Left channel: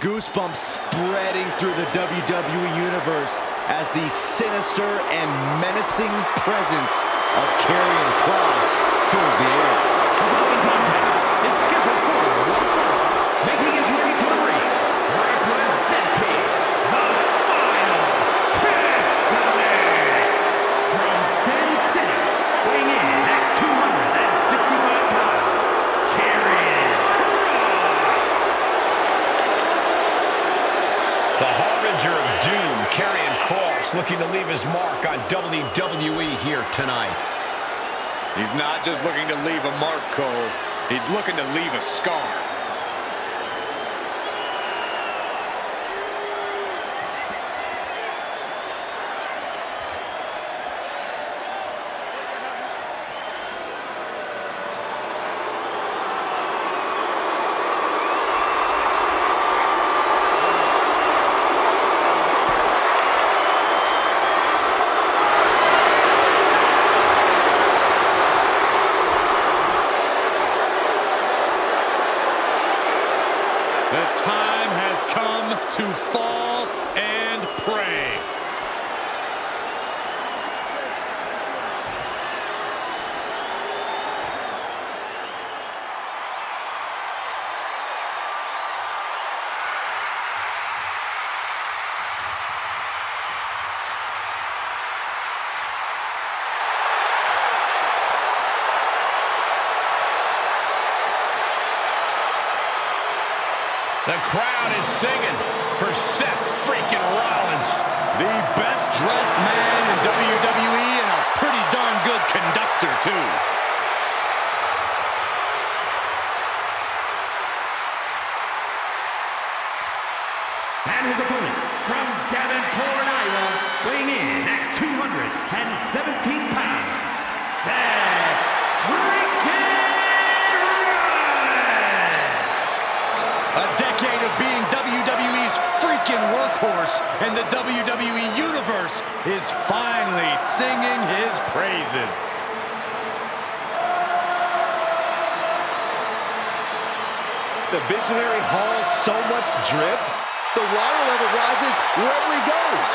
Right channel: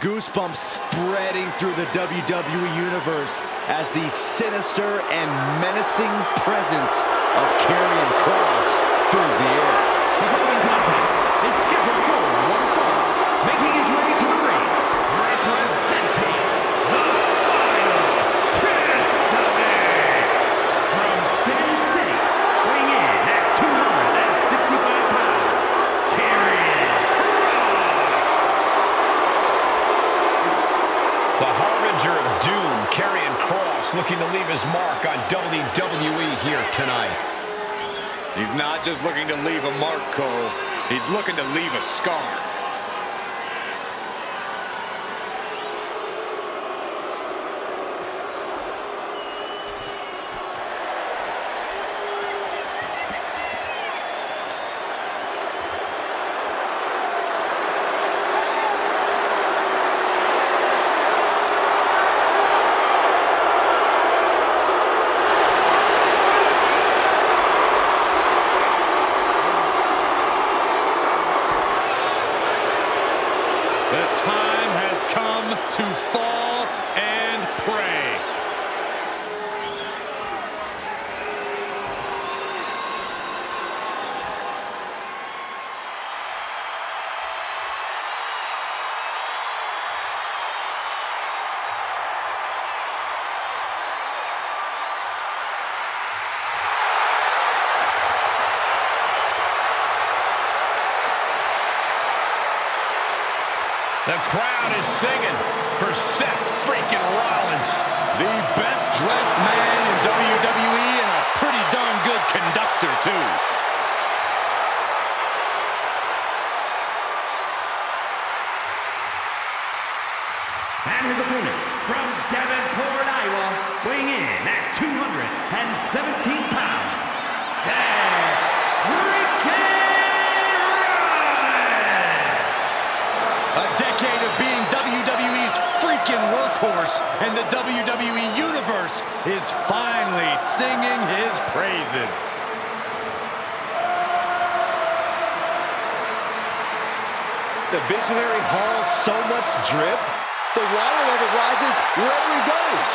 Goosebumps spreading through the WWE Universe as the sinister and menacing presence of Karrion Kross fills the air. The following contest is scheduled for one fall, making his way to the ring, representing the Final Testament from Sin City, weighing in at 265 pounds, Karrion Kross. The harbinger of doom, Karrion Kross, looking to leave his mark on WWE here tonight. He's not just looking to leave a mark, Cole. He's looking to leave a scar. The time has come to fall and pray. The crowd is singing for Seth freaking Rollins. The best dressed man in WWE and a pretty darn good conductor, too. And his opponent from Davenport, Iowa, weighing in at 217 pounds, Seth freaking Rollins. A decade of being WWE's freaking workhorse, and the WWE Universe is finally singing his praises. The visionary hauls so much drip, the water level rises wherever he goes.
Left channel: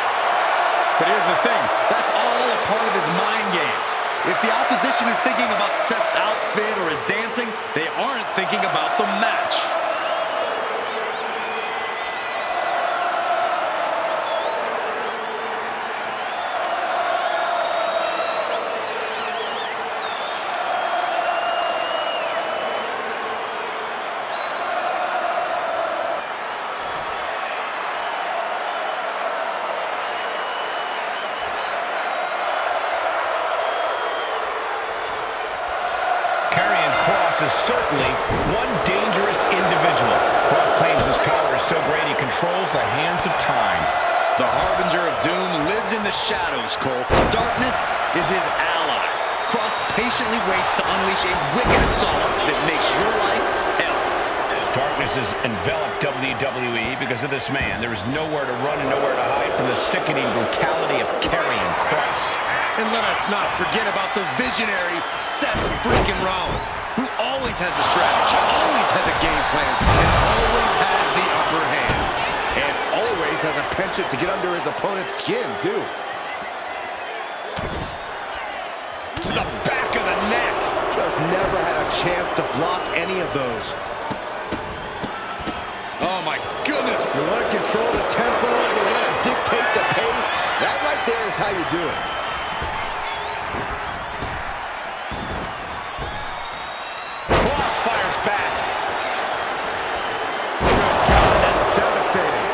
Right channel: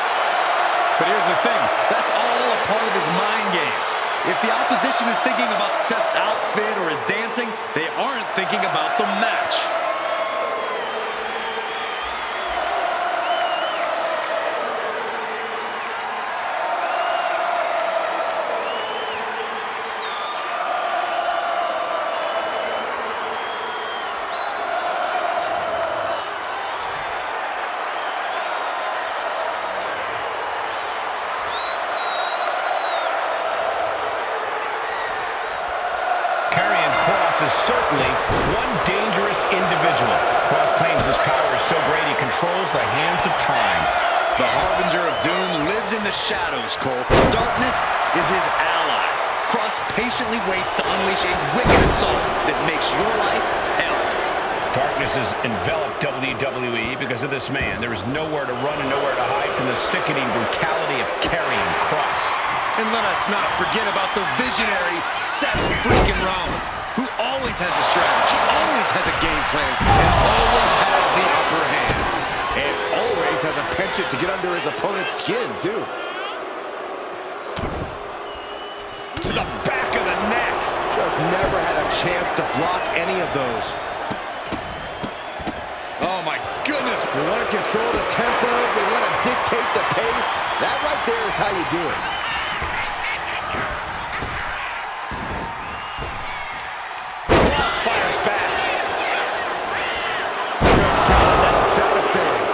But here's the thing, that's all a part of his mind games. If the opposition is thinking about Seth's outfit or his dancing, they aren't thinking about the match. Is certainly one dangerous individual. Kross claims his power is so great he controls the hands of time. The harbinger of doom lives in the shadows, Cole. Darkness is his ally. Kross patiently waits to unleash a wicked assault that makes your life hell. Darkness has enveloped WWE because of this man. There is nowhere to run and nowhere to hide from the sickening brutality of Karrion Kross. And let us not forget about the visionary Seth freaking Rollins, who always has a strategy, always has a game plan, and always has the upper hand. And always has a penchant to get under his opponent's skin, too. To the back of the neck. Just never had a chance to block any of those. Oh, my goodness. You want to control the tempo, you want to dictate the pace. That right there is how you do it. Fires back. Good God, that's devastating.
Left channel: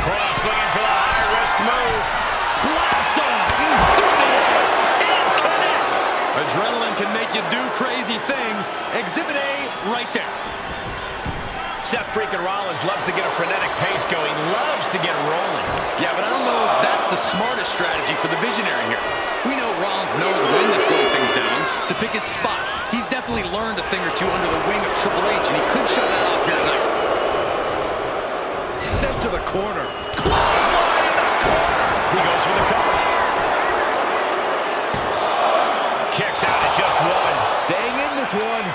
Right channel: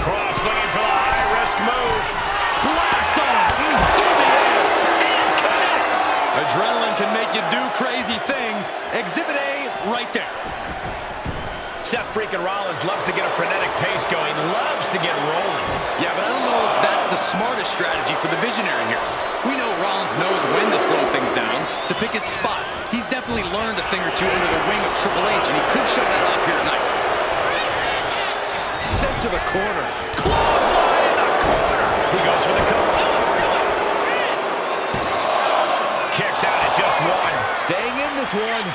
Kross looking for the high-risk move. Blast off through the air and connects. Adrenaline can make you do crazy things. Exhibit A right there. Seth freaking Rollins loves to get a frenetic pace going, loves to get rolling. Yeah, but I don't know if that's the smartest strategy for the visionary here. We know Rollins knows when to slow things down, to pick his spots. He's definitely learned a thing or two under the wing of Triple H, and he could show that off here tonight. Sent to the corner. Clothesline in the corner. He goes for the cover. Kicks out at just one. Staying in this one.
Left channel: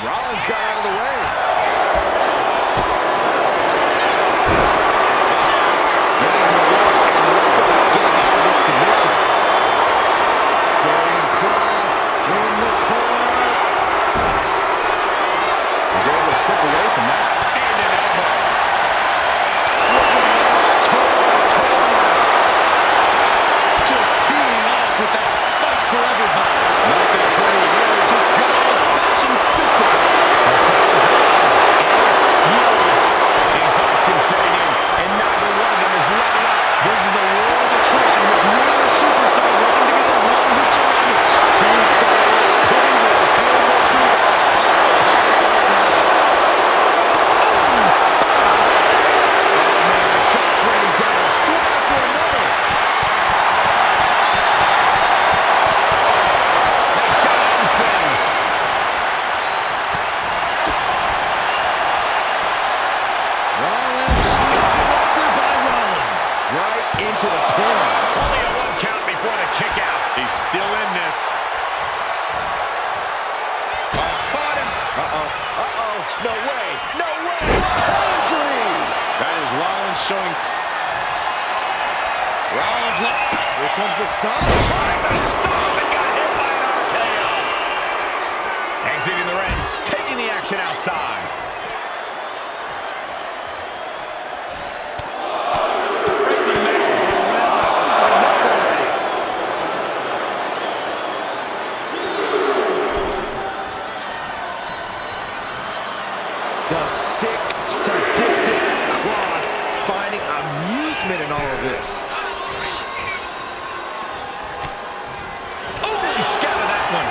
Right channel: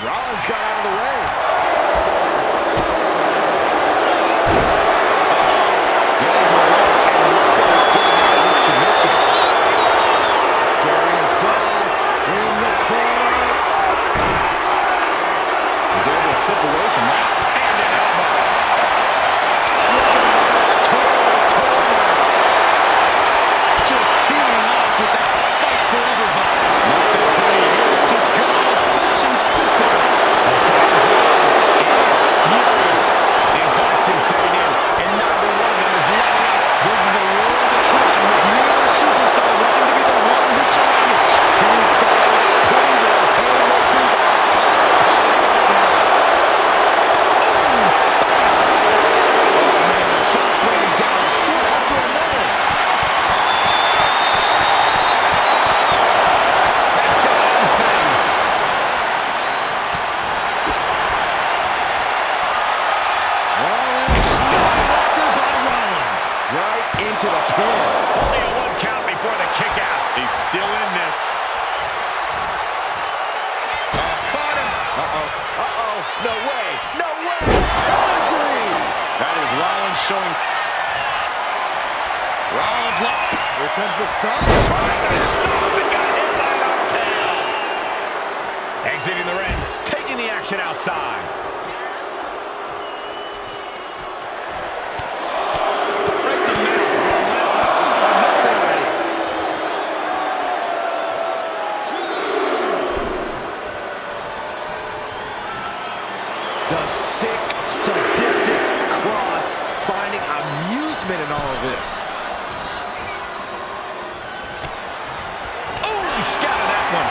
Rollins got out of the way. to the pin. Only a 1 count before the kick out. He's still in this. Oh, caught him. Uh-oh. No way. No way. Pedigree. That is Rollins showing. Rollins, Here comes the stop. Trying to stop and got hit by an RKO. Exiting the ring, taking the action outside. right in the middle. Relentless. Enough already. The sick, sadistic Cross finding amusement in all of this. Oh, he scouted that one.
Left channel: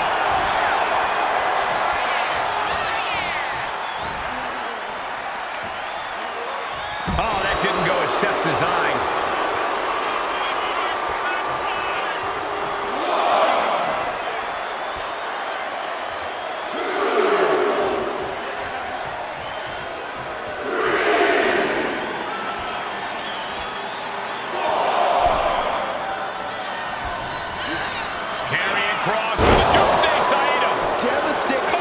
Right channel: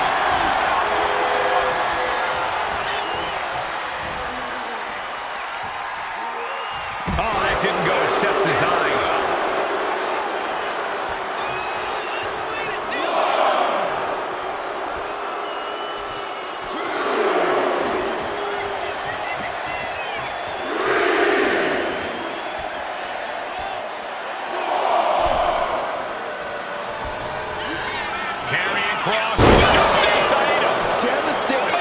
Oh, that didn't go as Seth designed. Carrying Cross to the Doomsday Saito. Devastating.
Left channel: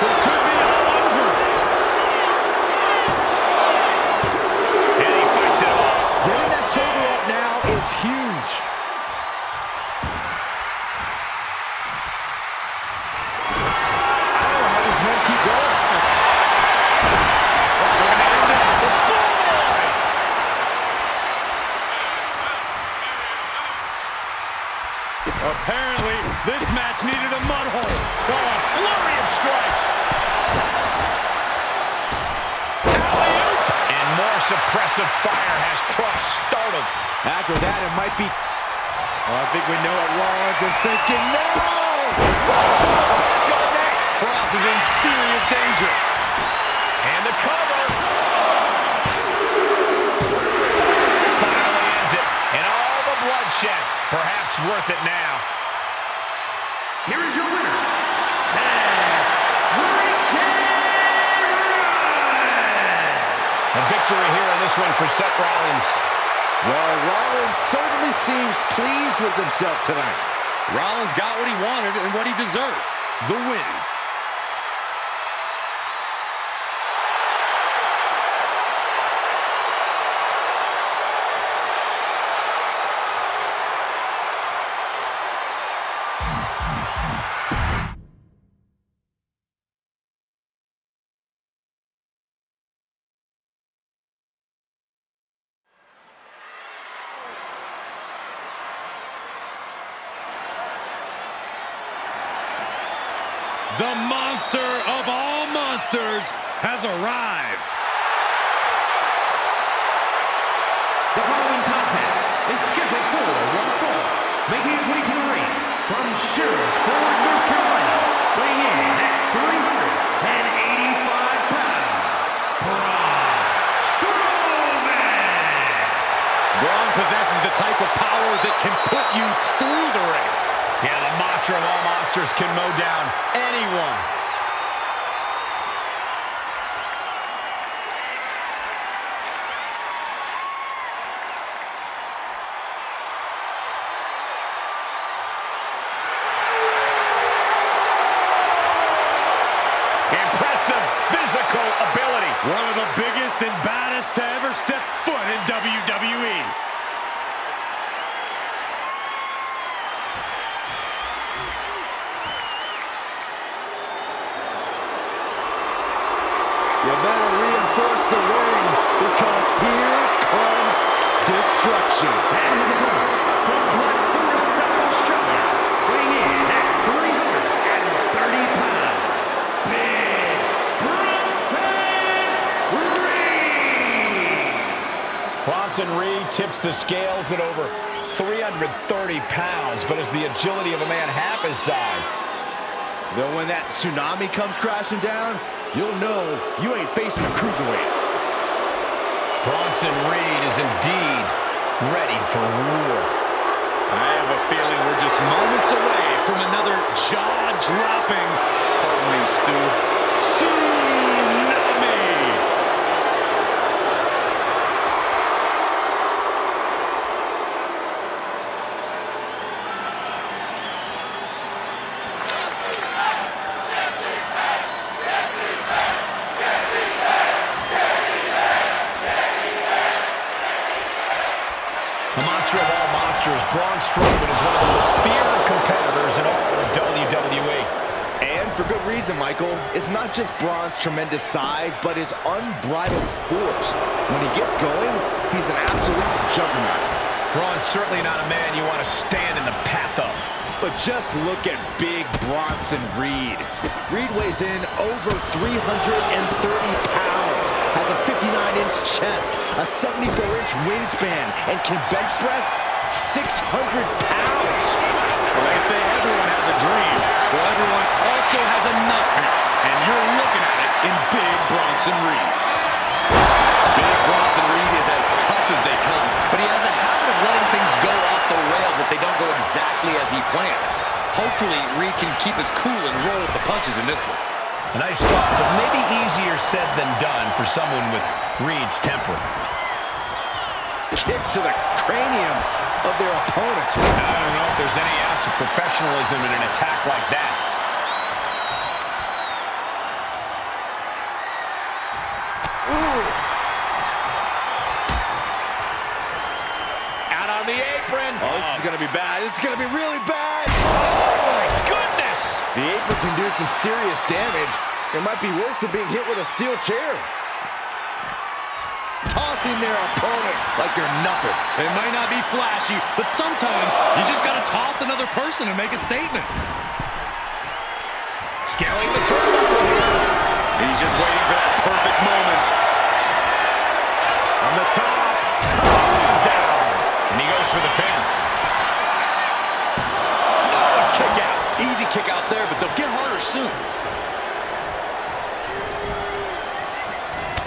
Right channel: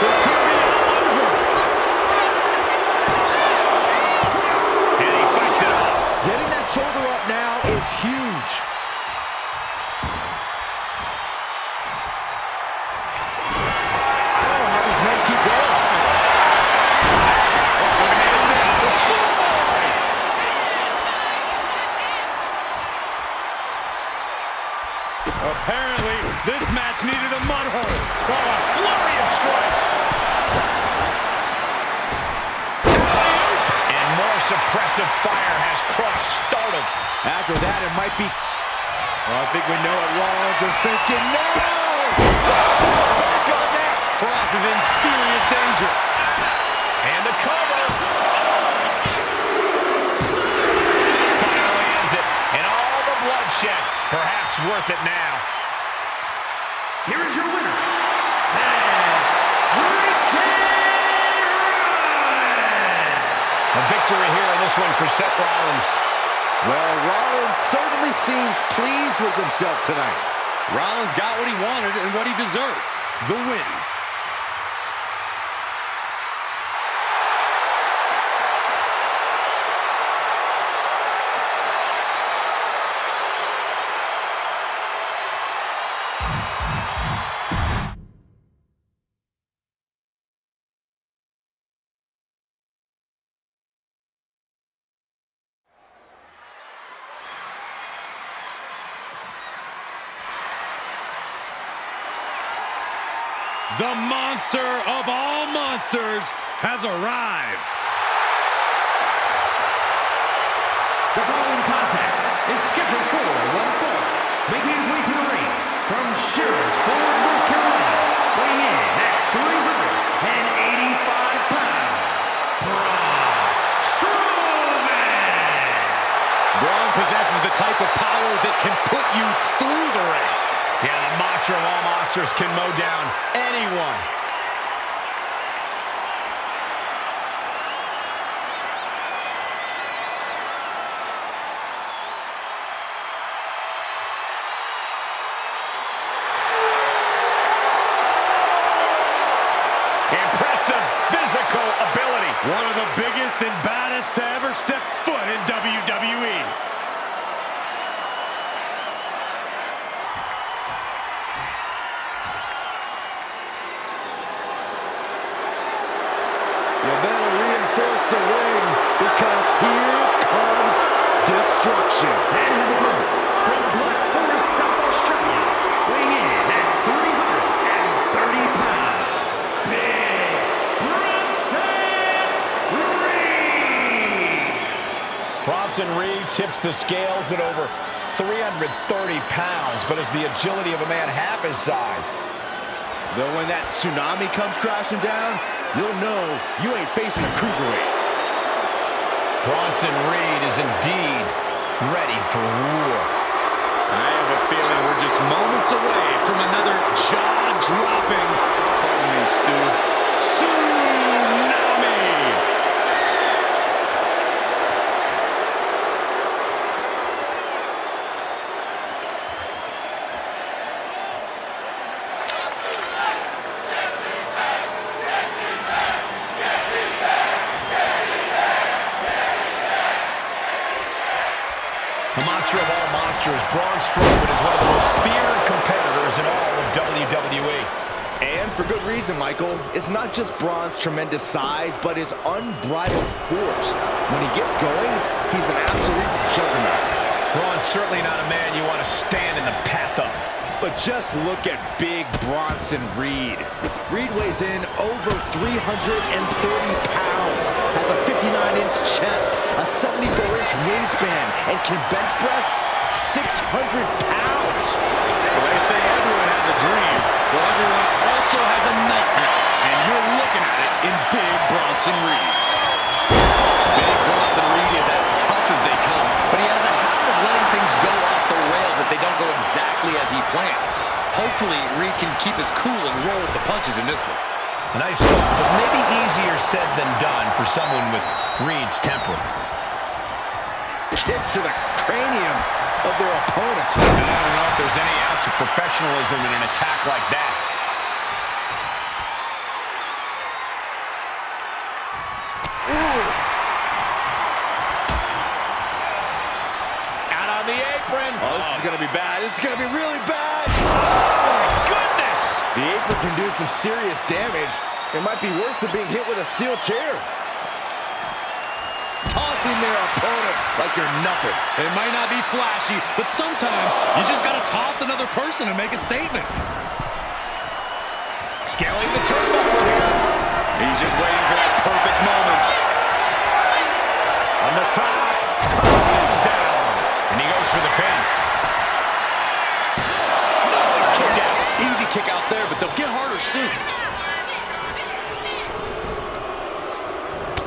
This could be all over. And he fights it off. Getting that shoulder up now is huge. I don't know how these men keep going. Looking to end this. The schoolboy. Apparently, this match needed a mud hole. Oh, a flurry of strikes. Alley-oop. And more suppressive fire has Cross startled. After that, it might be... Well, I think we know what Rollins is thinking. No! To the back of the neck. Cross is in serious danger. And the cover. Finally ends it. And all the bloodshed. Perhaps worth it now. Here is your winner, Seth freaking Rollins. A victory here in this one for Seth Rollins. Well, Rollins certainly seems pleased with himself tonight. Rollins got what he wanted and what he deserved. The win. The monster of all monsters has arrived. The following contest is scheduled for one fall. Making his way to the ring from Sherricksburg, North Carolina, weighing in at 385 pounds, Braun Strowman. Braun possesses the type of power that can put you through the ring. Yeah, the monster of all monsters can mow down anyone. Impressive physical ability. One of the biggest and baddest to ever step foot in WWE. You better reinforce the ring because here comes destruction. And his opponent from Black Forest, South Australia, weighing in at 330 pounds, Big Bronson Reed. Bronson Reed tips the scales at over 330 pounds, but has the agility of a man half his size. Though when that tsunami comes crashing down, you'll know you ain't facing a cruiserweight. Bronson Reed is indeed ready for war. I have a feeling we're just moments away from another jaw-dropping, pardon me, Stu, tsunami! A monster of all monsters, Braun Strowman is one of the most feared competitors in all of WWE. And for good reason, Michael. It's not just Braun's tremendous size, but his unbridled force. When he gets going, he's an absolute juggernaut. Braun's certainly not a man you want to stand in the path of. But just look at big Bronson Reed. Reed weighs in over 330 pounds, has a 59-inch chest, a 74-inch wingspan, and can bench press 600 pounds. Well, they say everyone has a dream. Well, everyone also has a nightmare. And you're looking at it in Big Bronson Reed. Big Bronson Reed is as tough as they come, but he has a habit of letting things go off the rails if they don't go exactly as he planned. Hopefully, Reed can keep his cool and roll with the punches in this one. A nice thought, but maybe easier said than done for someone with Reed's temper. Kicks to the cranium of their opponent. I don't know if there's any ounce of professionalism in an attack like that. On the apron. Oh, this is going to be bad. This is going to be really bad. Oh, my goodness. The apron can do some serious damage. It might be worse than being hit with a steel chair. Tossing their opponent like they're nothing. It might not be flashy, but sometimes you just got to toss another person and make a statement. Scaling the turnbuckle here. He's just waiting for that perfect moment. On the top. Down. And he goes for the pin. No, kick out. Easy kick out there, but they'll get harder soon.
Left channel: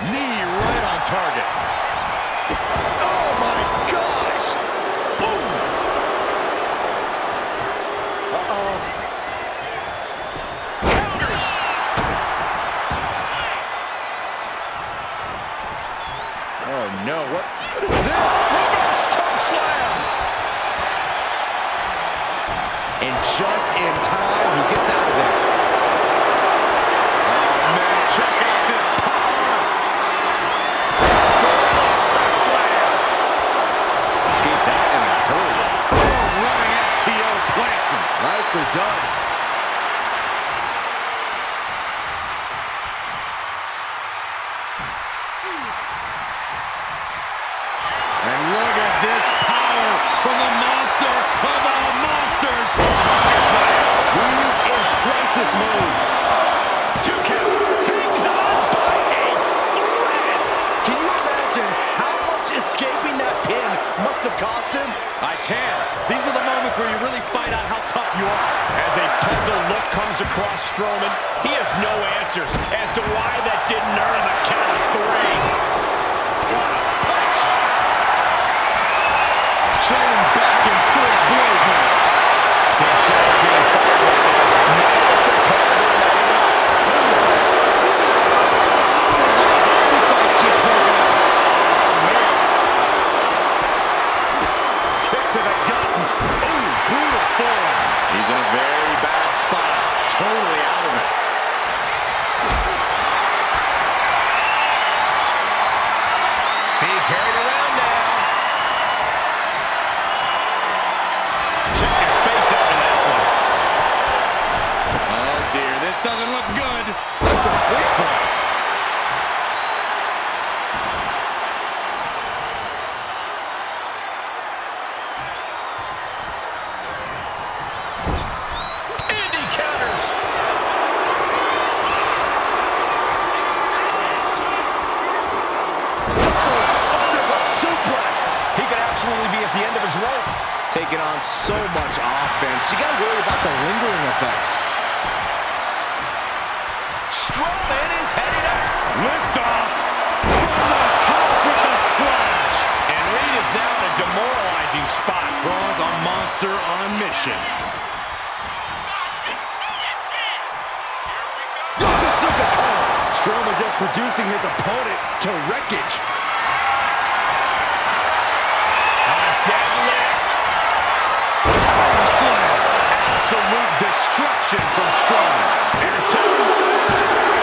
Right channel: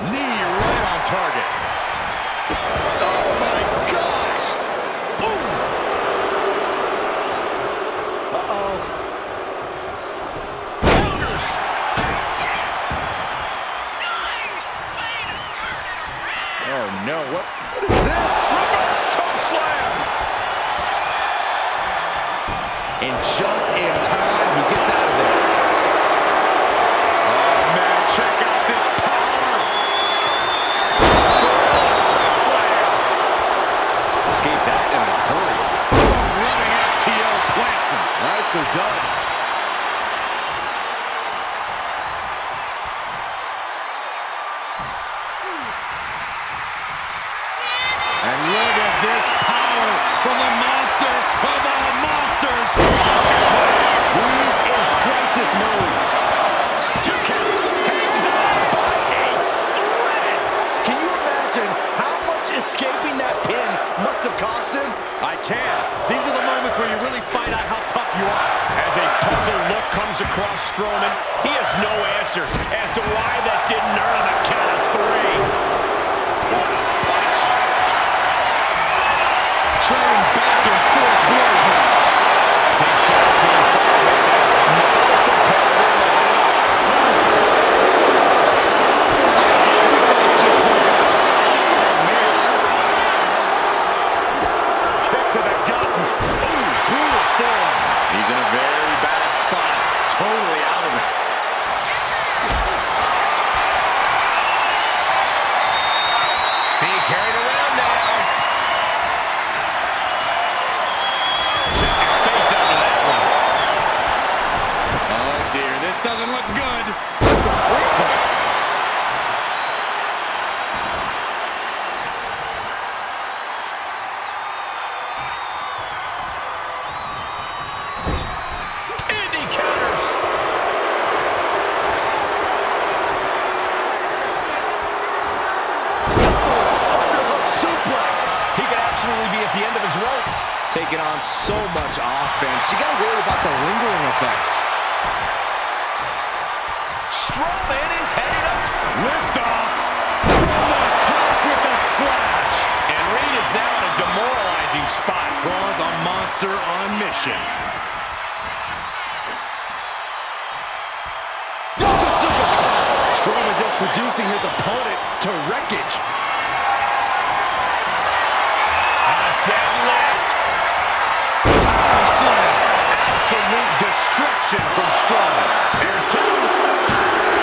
Knee right on target. Oh, my gosh. Boom. Uh-oh. Counters. Oh, no. What is this? Reverse choke slam. And just in time, he gets out of there. Oh, man, check out this power. Slam. Escaped that in a hurry. Running FTO plants him. Nicely done. And look at this power from the monster of all monsters. Monster Slam. Reed's in crisis mode. 2 count. Hangs on by a thread. Can you imagine how much escaping that pin must have cost him? I can. These are the moments where you really find out how tough you are. As a puzzled look comes across Strowman, he has no answers as to why that didn't earn him a count of 3. What a punch! Trading back and forth blows now. Big shots being fired right now. Now the competitor letting up. The fight's just broken out. Oh, man. Kick to the gut. Ooh, brutal form. He's in a very bad spot. Totally out of it. Being carried around now. Check your face after that one. Oh, dear. This doesn't look good. That's a free fall. Indy counters. Underhook suplex. He could absolutely be at the end of his rope. Taking on so much offense. You got to worry about the lingering effects. Strowman is heading up. Lift off. From the top with the splash. And Reed is now in a demoralizing spot. Braun's a monster on a mission. Yokosuka cutter. Strowman just reducing his opponent to wreckage. A deadlift. Power slam. Absolute destruction from Strowman. Here's 2.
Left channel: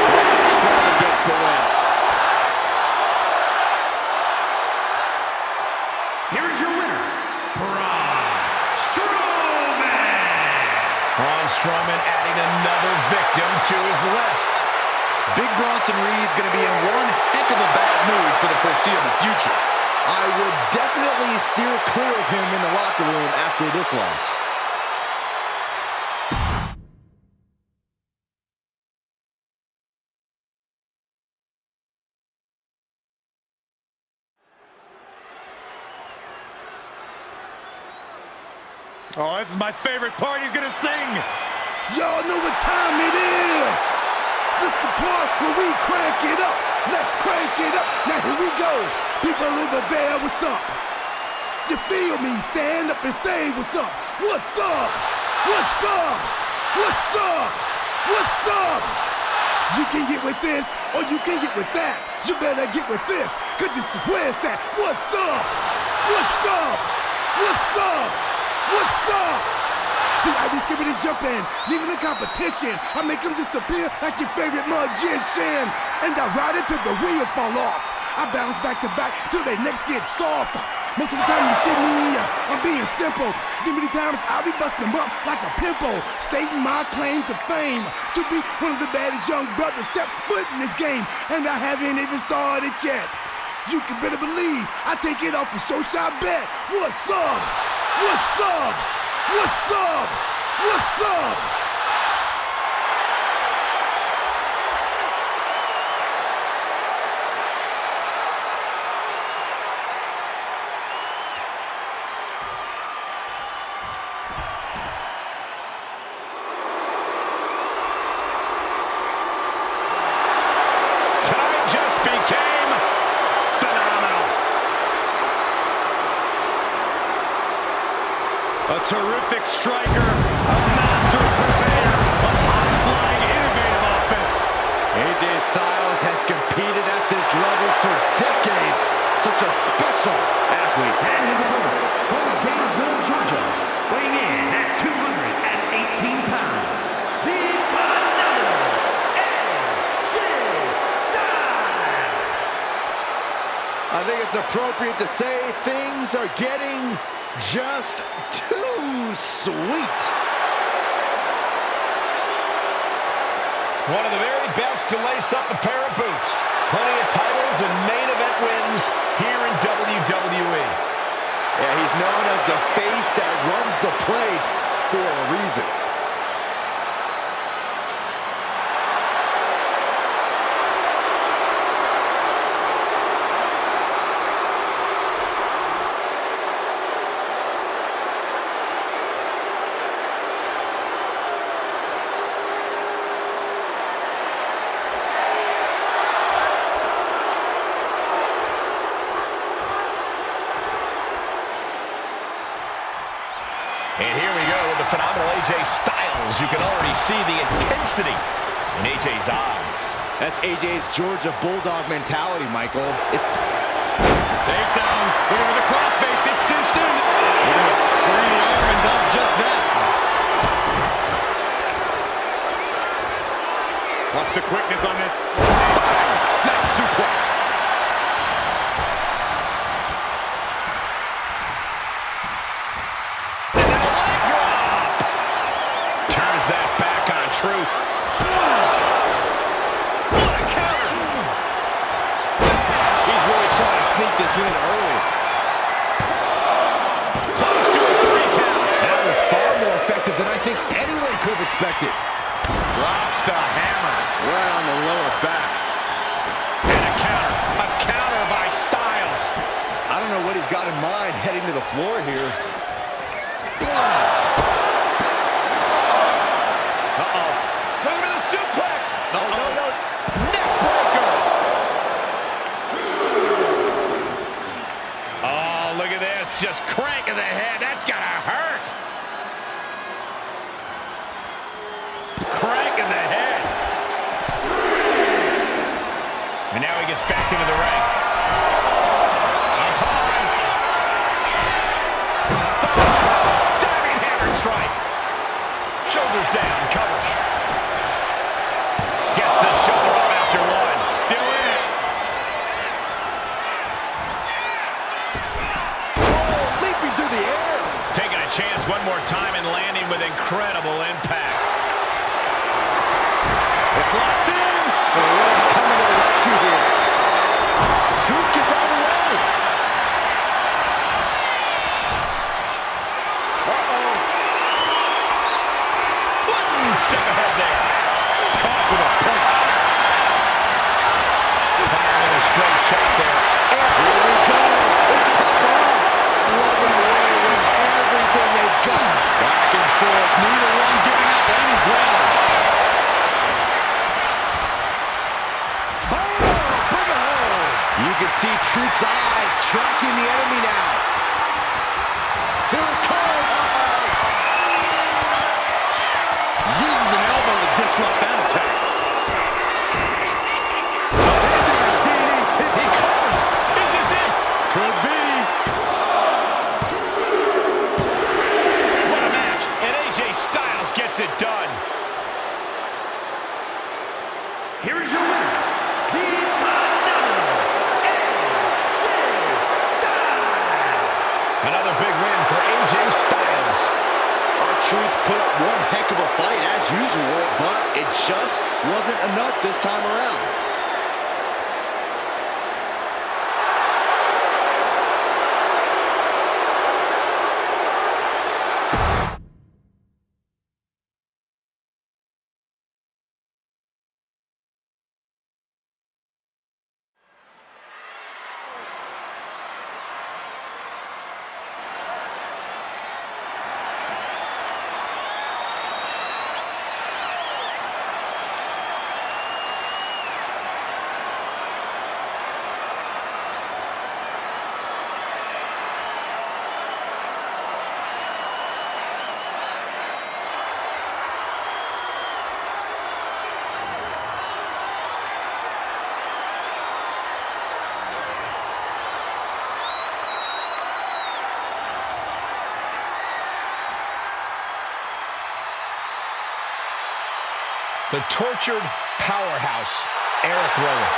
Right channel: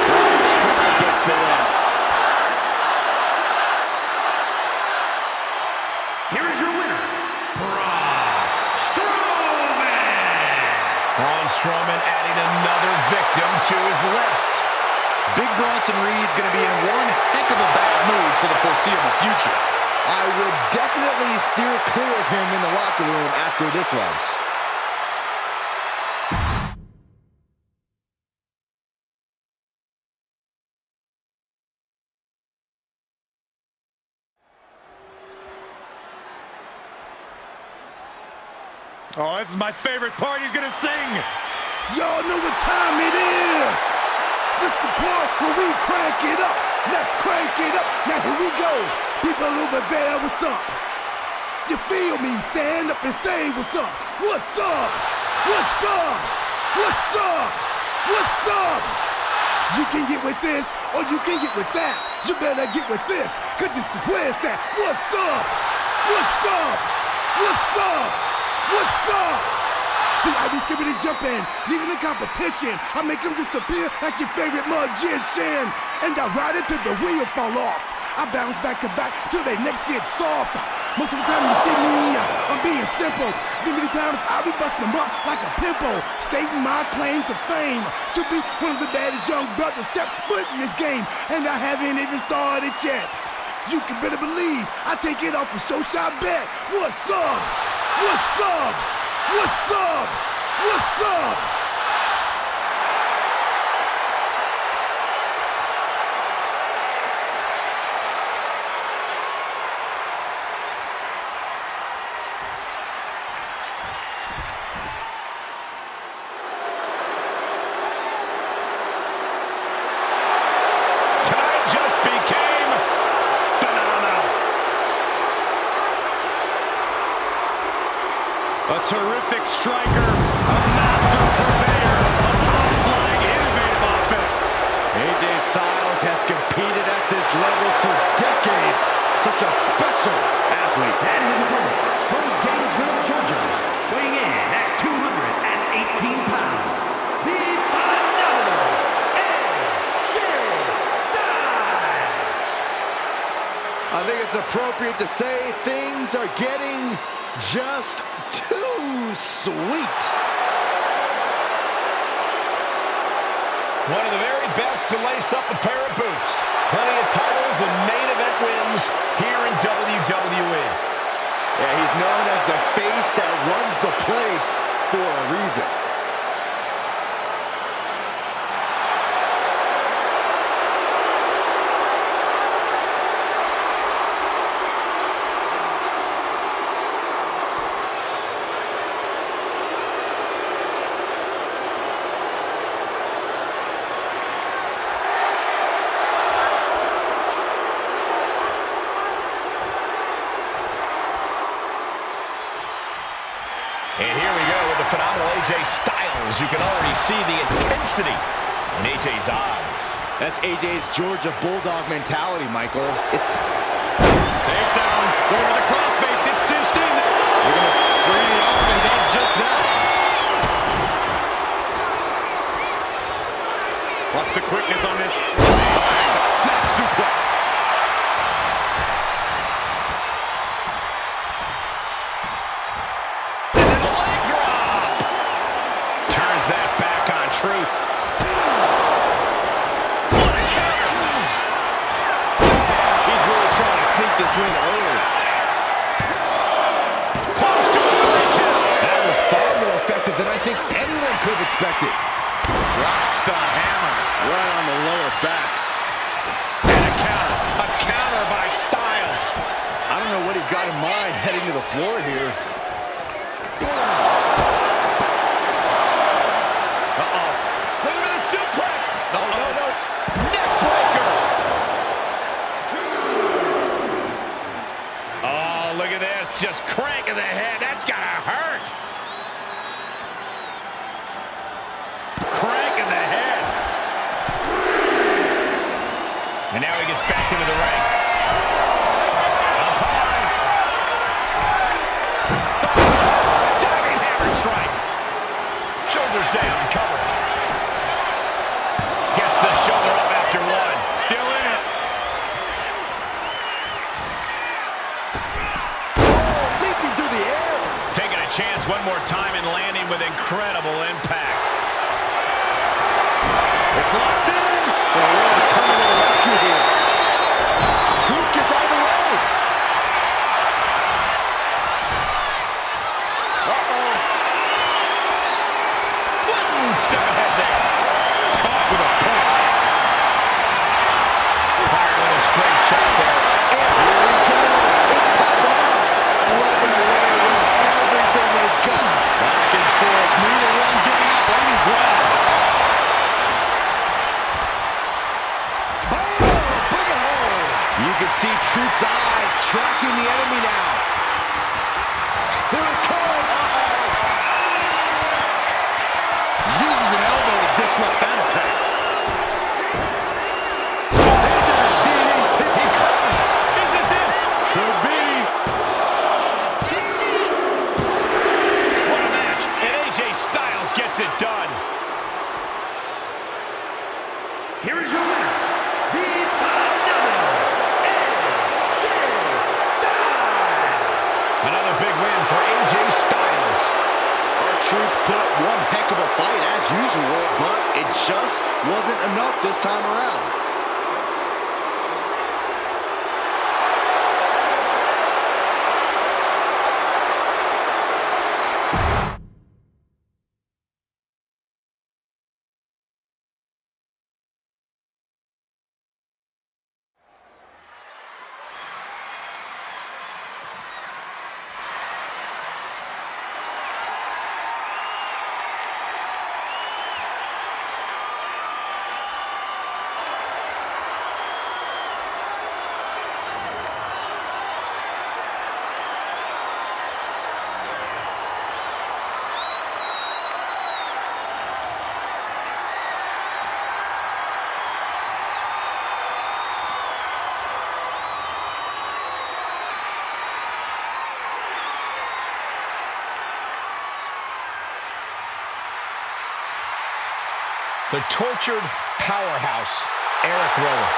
Braun Strowman gets the win. Here is your winner, Strowman adding another victim to his list. Big Bronson Reed's going to be in one heck of a bad mood for the foreseeable future. I would definitely steer clear of him in the locker room after this loss. Oh, this is my favorite part. He's gonna sing. Y'all know what time it is. This the part where we crank it up. Let's crank it up. Now here we go. People over there, what's up? You feel me? Stand up and say what's up. What's up? What's up? What's up? What's up? You can get with this or you can get with that. You better get with this, cause this is where it's at. What's up? What's up? What's up? What's up? See, I be skipping and jumping, leaving the competition. I make them disappear like your favorite magician. And I ride it till the wheel fall off. I bounce back to back till their necks get soft. Most of the time you see me, I'm being simple. Then many times I'll be busting them up like a pimple, stating my claim to fame, to be one of the baddest young brothers step foot in this game. And I haven't even started yet. You can better believe I take it off the show shot bet. What's up? What's up? What's up? What's up? Tonight just became phenomenal. A terrific striker, a master purveyor of high-flying, innovative offense. AJ Styles has competed at this level for decades. Such a special athlete. And his opponent, from Gainesville, Georgia, weighing in at 218 pounds, the phenomenal AJ Styles. I think it's appropriate to say things are getting just too sweet. One of the very best to lace up a pair of boots. Plenty of titles and main event wins here in WWE. Yeah, he's known as the face that runs the place for a reason. And here we go with the phenomenal AJ Styles. You can already see the intensity in AJ's eyes. That's AJ's Georgia Bulldog mentality, Michael. Takedown. Looking for the crossface. Gets cinched in. They're going to free the arm and does just that. Watch the quickness on this. Bang! Snap suplex. That back on Truth. What a counter! He's really trying to sneak this win early. Close to a 3 count. That was far more effective than I think anyone could have expected. Drops the hammer. Right on the lower back. And a counter. A counter by Styles. I don't know what he's got in mind heading to the floor here. Uh-oh. Looking for the suplex. No. Neck breaker. Oh, look at this. Just cranking the head. That's got to hurt. Cranking the head. And now he gets back into the ring. Up high. Oh, diving hammer strike. Shoulders down, cover. Gets the shoulder up after one. Still in it. Oh, Leaping through the air. Taking a chance one more time and landing with incredible impact. It's locked in. The Rollins coming to the rescue here. Truth gets out of the way. Uh-oh. Step ahead there. Caught with a punch. Fired with a straight shot there. And here we go. It's popping off. Slugging away with everything they've got. Back and forth. Neither one giving up any ground. Boom! Bring it home. You can see Truth's eyes tracking the enemy now. Here it comes. Uses an elbow to disrupt that attack. He covers. Is this it? Could be. What a match. And AJ Styles gets it done. Here is your winner, the phenomenal AJ Styles. Another big win for AJ Styles. R-Truth put up one heck of a fight as usual, but it just wasn't enough this time around. The tortured powerhouse, Eric Rowan.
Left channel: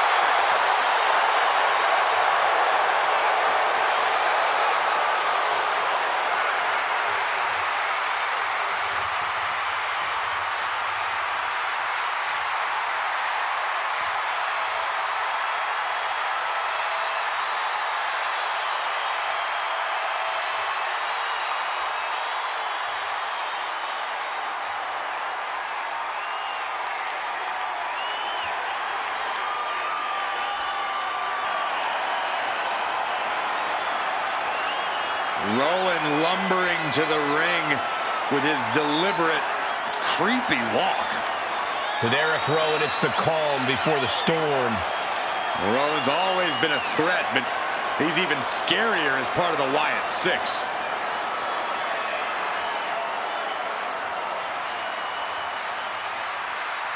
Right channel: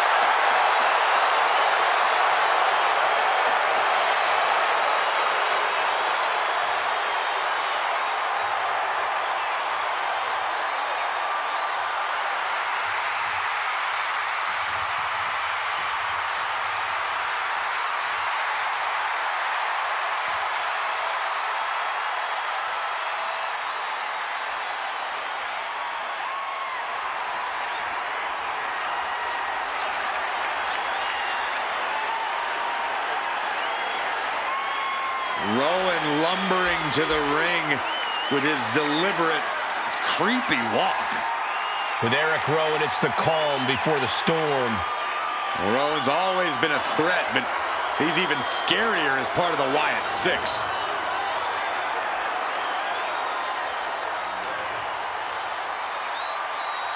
Rowan lumbering to the ring with his deliberate, creepy walk. With Eric Rowan, it's the calm before the storm. Rowan's always been a threat, but he's even scarier as part of the Wyatt Six.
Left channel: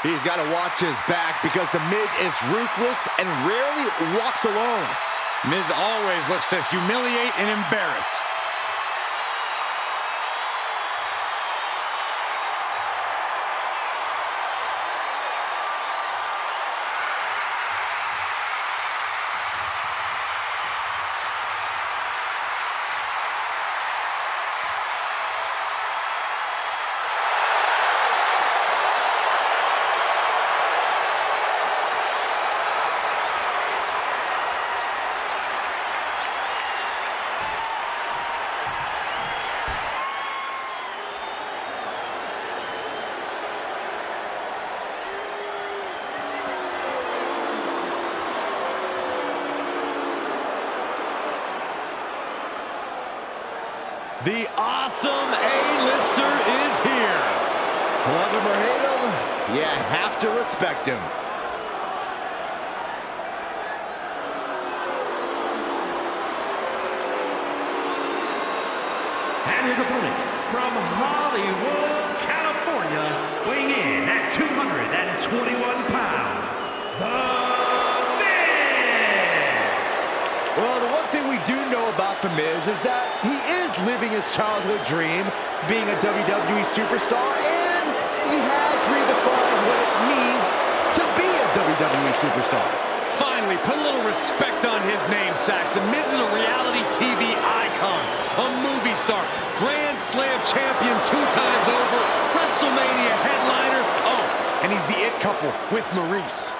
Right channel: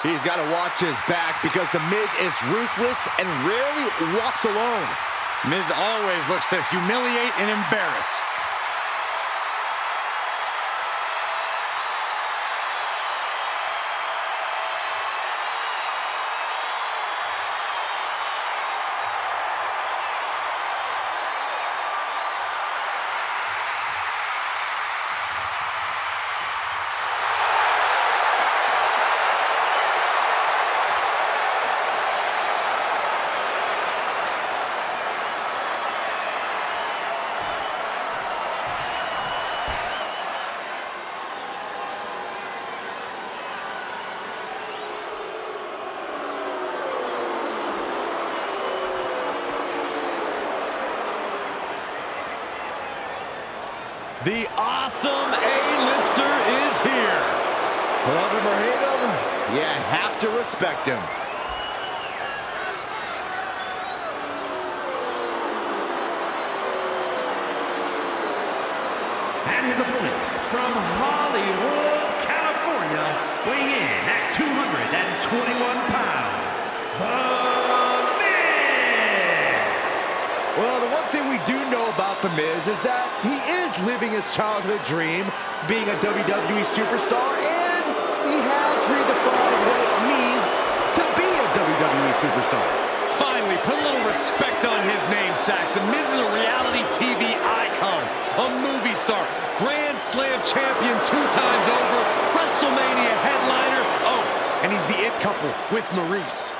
He's got to watch his back because The Miz is ruthless and rarely walks alone. Miz always looks to humiliate and embarrass. The awesome A-lister is here. Love him or hate him, you have to respect him. And his opponent from Hollywood, California, weighing in at 221 pounds, The Miz! Well, the one thing we do know about The Miz is that he is living his childhood dream, being a WWE superstar, and he has redefined what it means to be a WWE superstar. Finally, put a little respect on his name, Sax. The Miz is a reality TV icon, a movie star, Grand SummerSlam champion 2 times over, WrestleMania headliner. Oh, and he's the it couple with Maurice.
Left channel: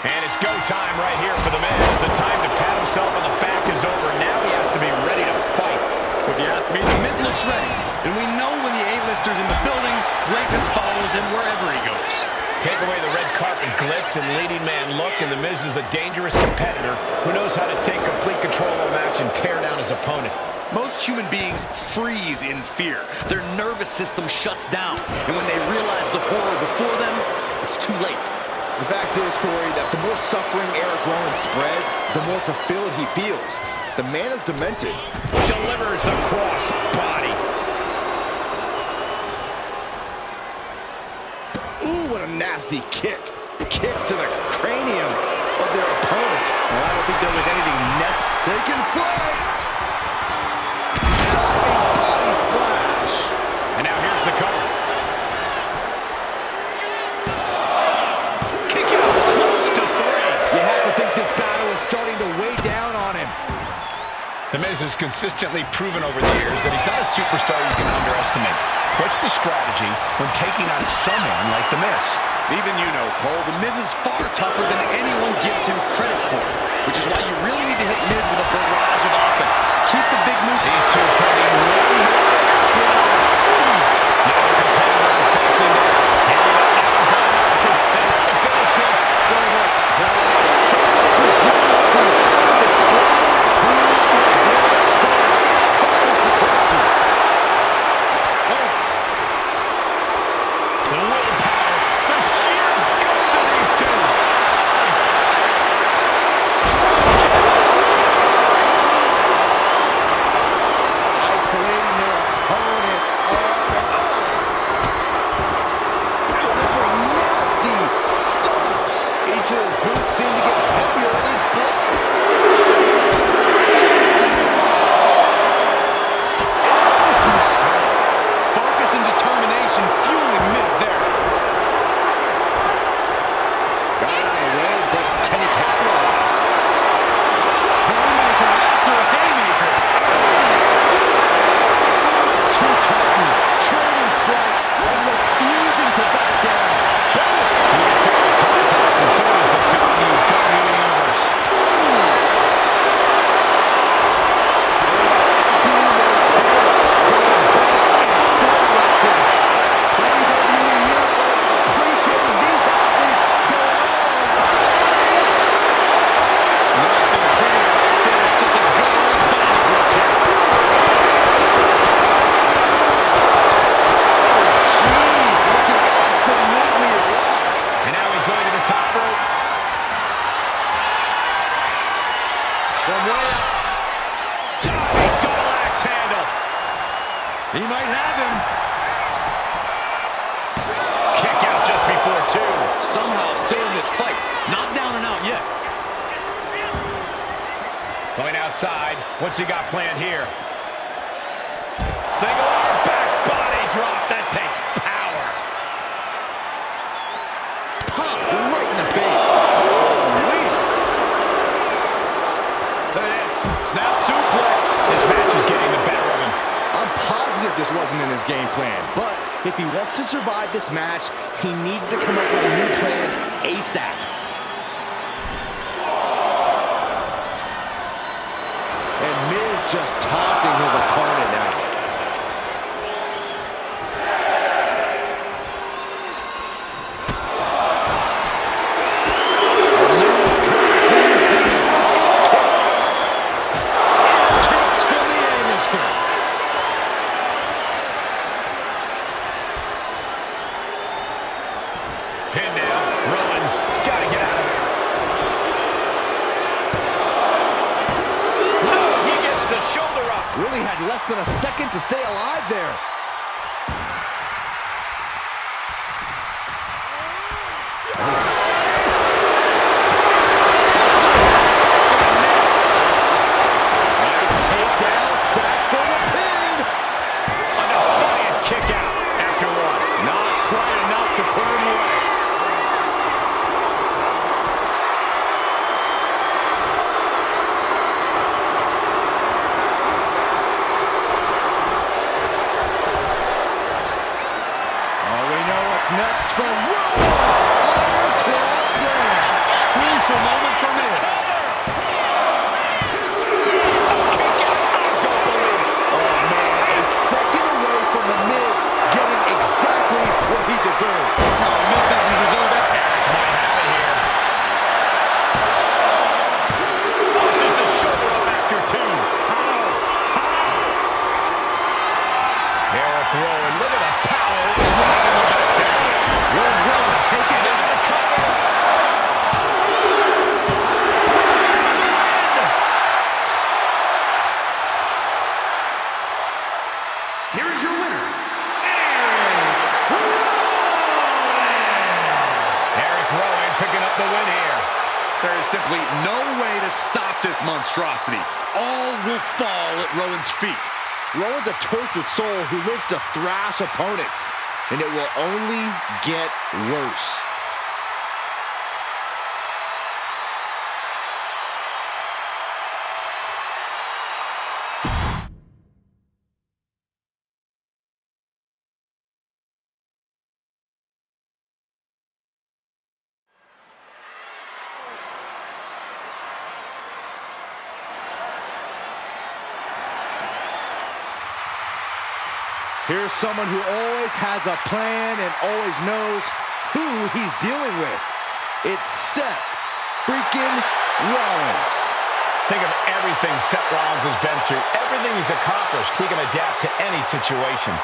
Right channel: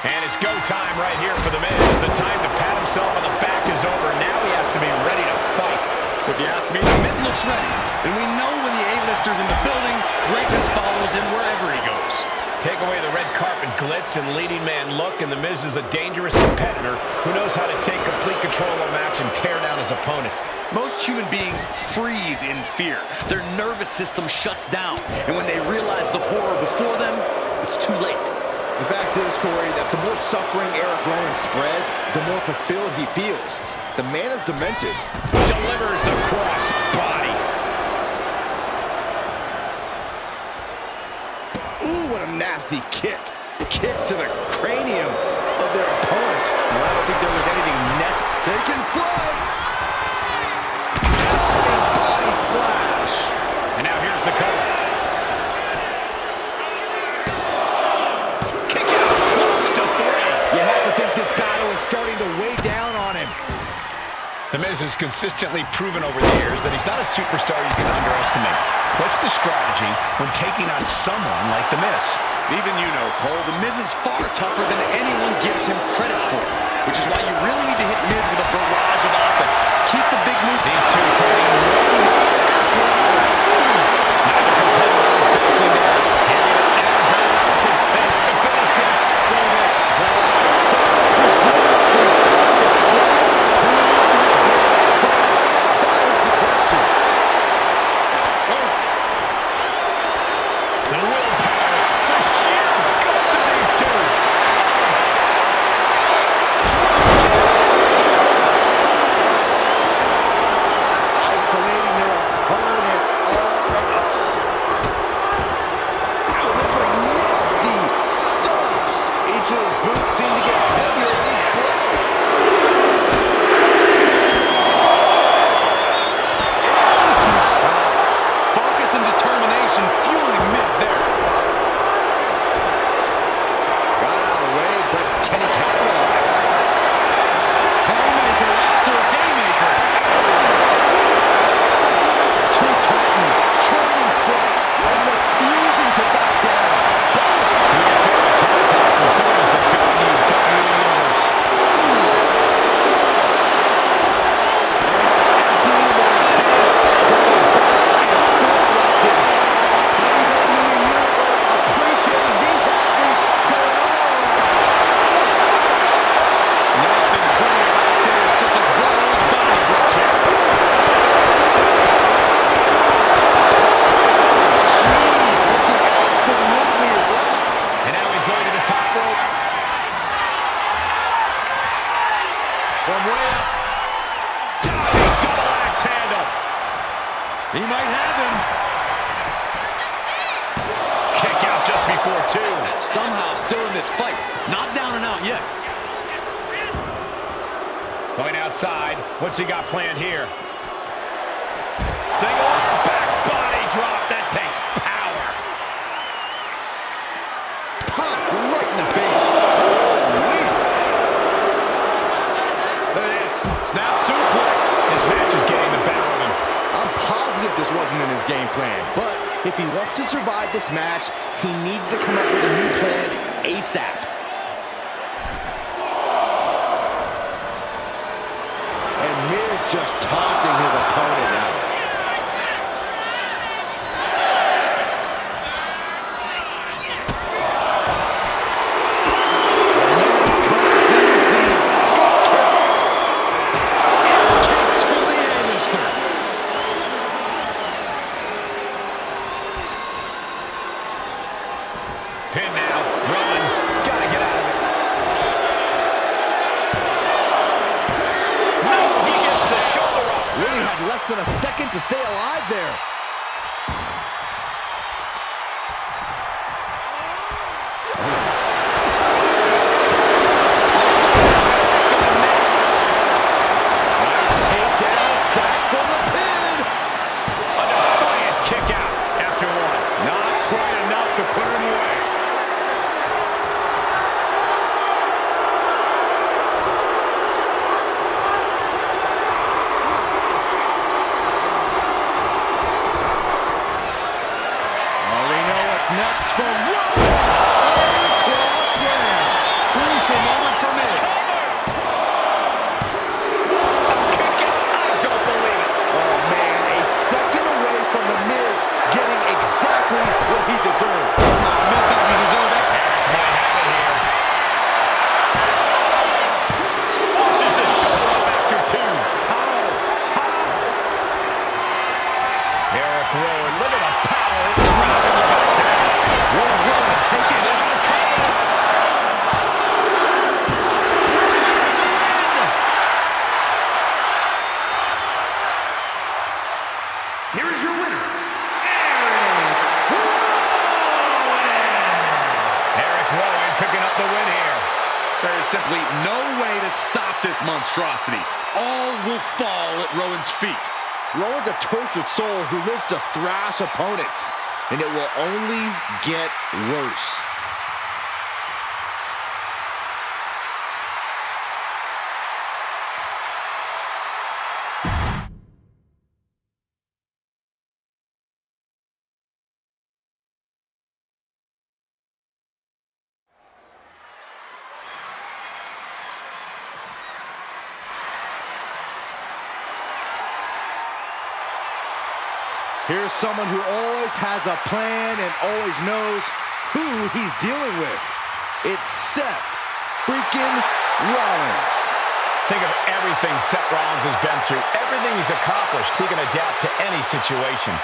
And it's go time right here for The Miz. The time to pat himself on the back is over. Now he has to be ready to fight. If you ask me, The Miz looks ready. And we know when the A-listers in the building, greatness follows him wherever he goes. Take away the red carpet glitz and leading man look, and The Miz is a dangerous competitor who knows how to take complete control of a match and tear down his opponent. Most human beings freeze in fear. Their nervous system shuts down. And when they realize the horror before them, it's too late. The fact is, Corey, that the more suffering Eric Rowan spreads, the more fulfilled he feels. The man is demented. Delivers the cross body. Ooh, what a nasty kick. Kicks to the cranium of their opponent. Well, I don't think there was anything necessary. Taking flight. Diving body splash. And now here's the cover. Starting to weigh down on him. The Miz has consistently proven over the years that he's not a superstar you can underestimate. What's the strategy when taking on someone like The Miz? Even you know, Cole, The Miz is far tougher than anyone gives him credit for, which is why you really need to hit Miz with a barrage of offense. Keep the big move. These two trading one after another. Neither competitor is backing down. Handing it now is not enough to finish this. So much pride, so much resiliency on display. Who will get first? That is the question. Oh. The willpower, the sheer guts of these two. Isolating their opponents arm and on. Delivering nasty stomps. Each of those boots seem to get heavier with each blow. Energy stop. Focus and determination fueling Miz there. Got out of the way, but can he capitalize? Haymaker after haymaker. Two Titans trading strikes and refusing to back down. He can feel the contact, and so does the WWE Universe. Emptying their tanks, going back and forth like this. WWE Universe appreciating these athletes going all out. Nothing pretty about this, just a good old Donnybrook kick. Jeez, looking absolutely rocked. And now he's going to the top rope. From way up. Diving double axe handle. He might have him. Kick out just before two. Somehow still in this fight. Not down and out yet. Going outside. What's he got planned here? Single arm back body drop. That takes power. Popped right in the face. Holy. Look at this. Snap suplex. This match is getting the better of him. I'm positive this wasn't in his game plan, but if he wants to survive this match, he needs to come up with a new plan ASAP. And Miz just taunting his opponent now. Miz conceives the it kicks. It kicks from the A-lister. Pin now. Rowan's got to get out of it. No, he gets the shoulder up. Really had less than a second to stay alive there. coming for Miz. Kick out. I don't believe it. Oh, man, a second away from The Miz getting exactly what he deserved. No, Miz doesn't deserve that. Might have it here. Forces the shoulder up after two. Eric Rowan, look at the power. Driving the back down. Will Rowan take it Into in? the cover. Here is your winner, Eric Rowan. Eric Rowan picking up the win here. There is simply no way to stop this monstrosity. All will fall at Rowan's feet. Rowan's a tortured soul who lives to thrash opponents, and it will only get worse. Here's someone who always has a plan and always knows who he's dealing with. It's Seth freaking Rollins. Think of everything Seth Rollins has been through, everything he's accomplished. He can adapt to any situation.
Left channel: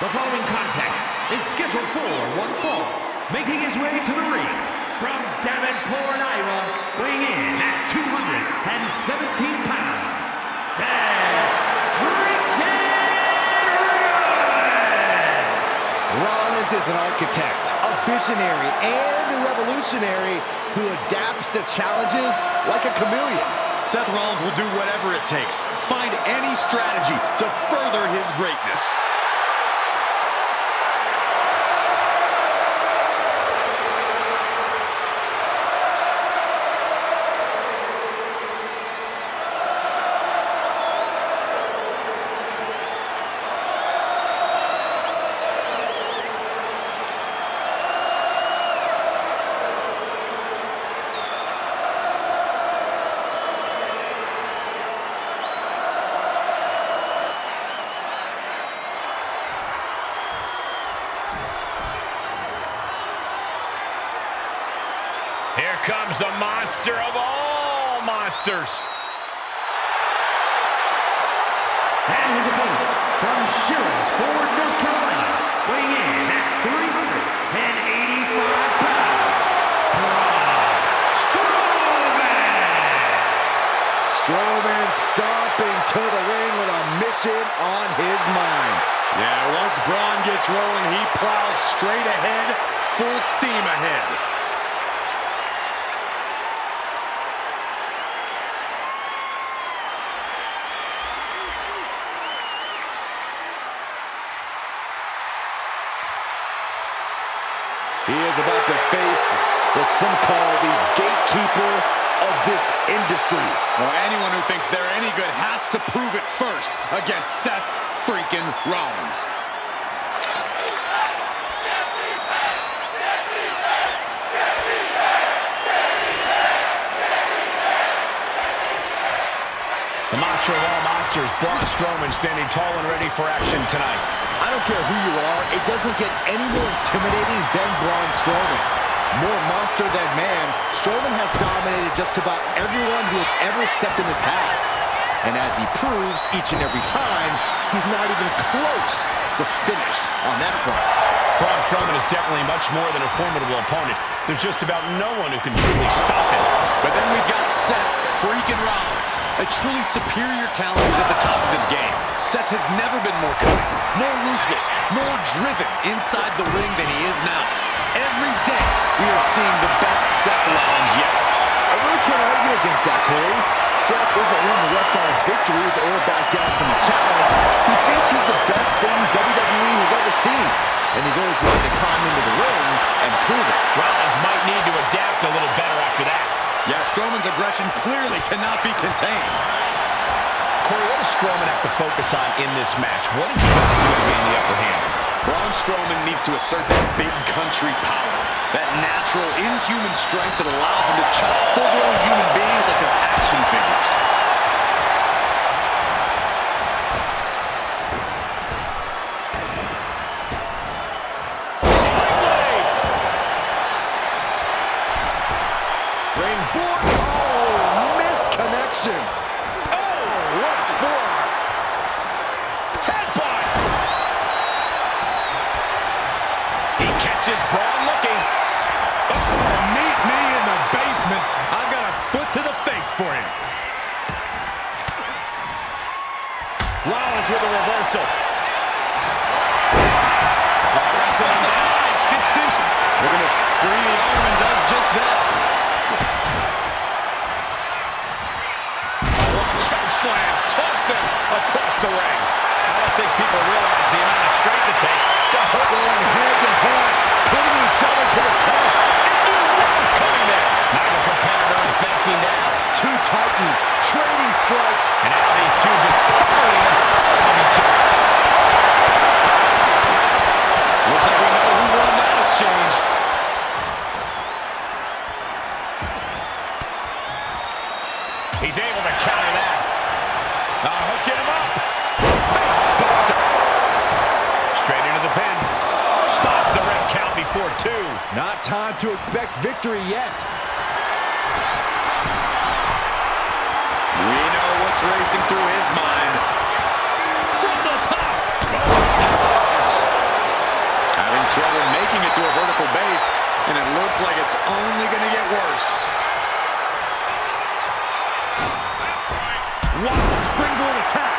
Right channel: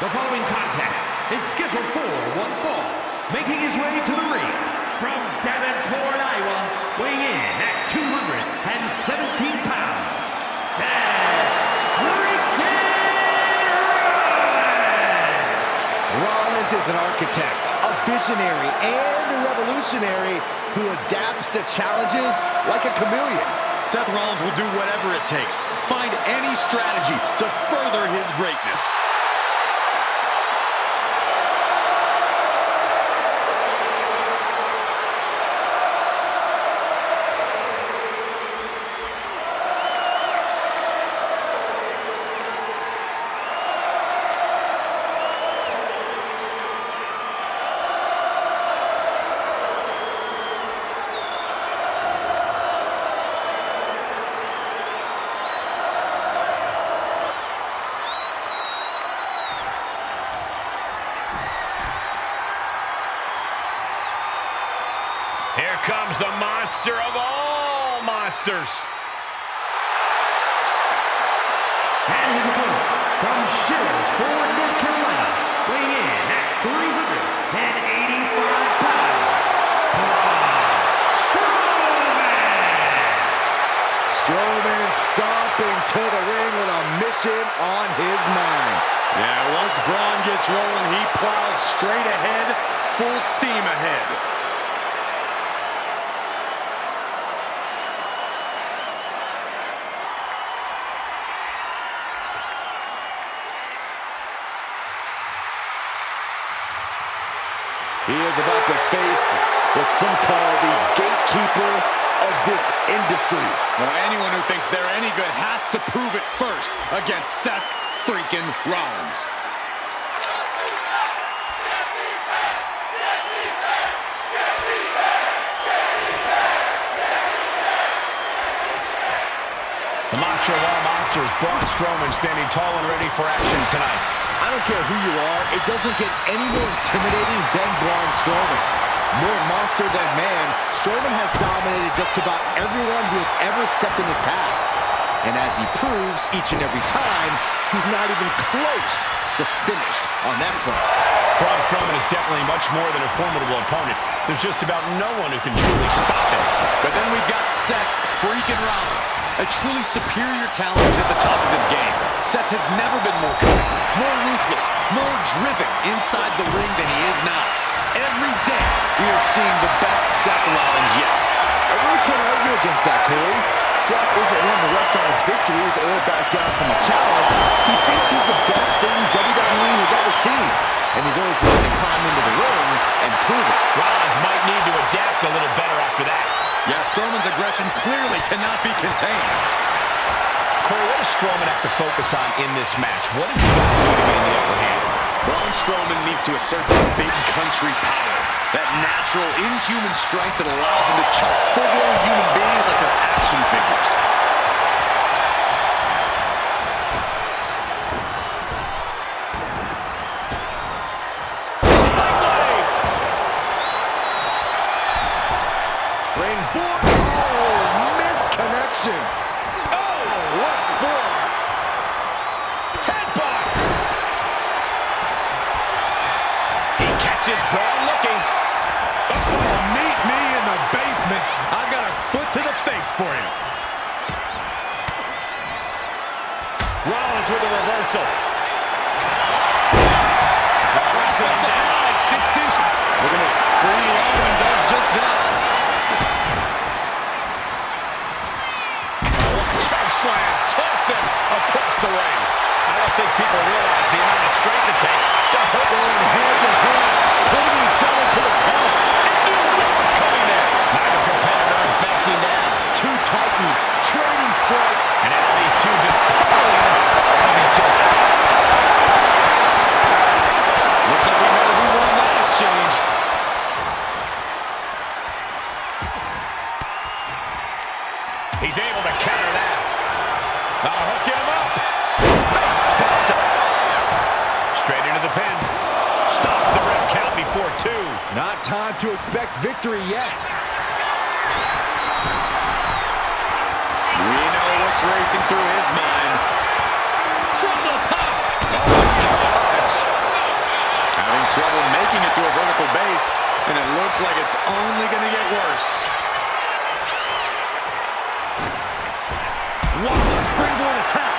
The following contest is scheduled for one fall. Making his way to the ring from Davenport, Iowa, weighing in at 217 pounds, Seth freaking Rollins! Rollins is an architect, a visionary, and a revolutionary who adapts to challenges like a chameleon. Seth Rollins will do whatever it takes, find any strategy to further his greatness. Here comes the monster of all monsters. And his opponent from Sherrills Ford, North Carolina, weighing in at 385 pounds, Braun Strowman! Strowman stomping to the ring with a mission on his mind. Yeah, once Braun gets rolling, he plows straight ahead, full steam ahead. He is about to face what some call the gatekeeper of this industry. Well, anyone who thinks they're any good has to prove it first against Seth freaking Rollins. The monster of all monsters, Braun Strowman, standing tall and ready for action tonight. I don't care who you are, it doesn't get any more intimidating than Braun Strowman. More monster than man, Strowman has dominated just about everyone who has ever stepped in his path. And as he proves each and every time, he's not even close to finished on that front. Braun Strowman is definitely much more than a formidable opponent. There's just about no one who can truly stop him. But then we've got Seth freaking Rollins, a truly superior talent who's at the top of his game. Seth has never been more cunning, more ruthless, more driven inside the ring than he is now. Every day, we are seeing the best Seth Rollins yet. I really can't argue against that, Corey. Seth isn't one to rest on his victories or back down from a challenge. He thinks he's the best thing WWE has ever seen. and he's always willing to climb into the ring and prove it. Rollins might need to adapt a little better after that. Yeah, Strowman's aggression clearly cannot be contained. Corey, what does Strowman have to focus on in this match? What has he got to do to gain the upper hand? Braun Strowman needs to assert that big country power, that natural, inhuman strength that allows him to chop full-blown human beings like they're action figures. Slingblade! Springboard. Oh, missed connection. Oh, what a forearm. Headbutt! He catches Braun looking. Oh, meet me in the basement. I've got a foot to the face for you. Rollins with a reversal. Looking to free the arm and does just that. Choke slam, tossed him across the ring. I don't think people realize the amount of strength it takes to hurt. Going head to head, putting each other to the test. And knew what was coming there. Neither competitor is backing down. Two titans trading strikes. And now these two just pulling off of each other. Looks like we know who won that exchange. He's able to counter that. Now hooking him up. Face buster. Straight into the pin. Stops the ref count before 2. Not time to expect victory yet. We know what's racing through his mind. From the top. Oh my gosh. Having trouble making it to a vertical base, and it looks like it's only going to get worse. Wow, springboard attack.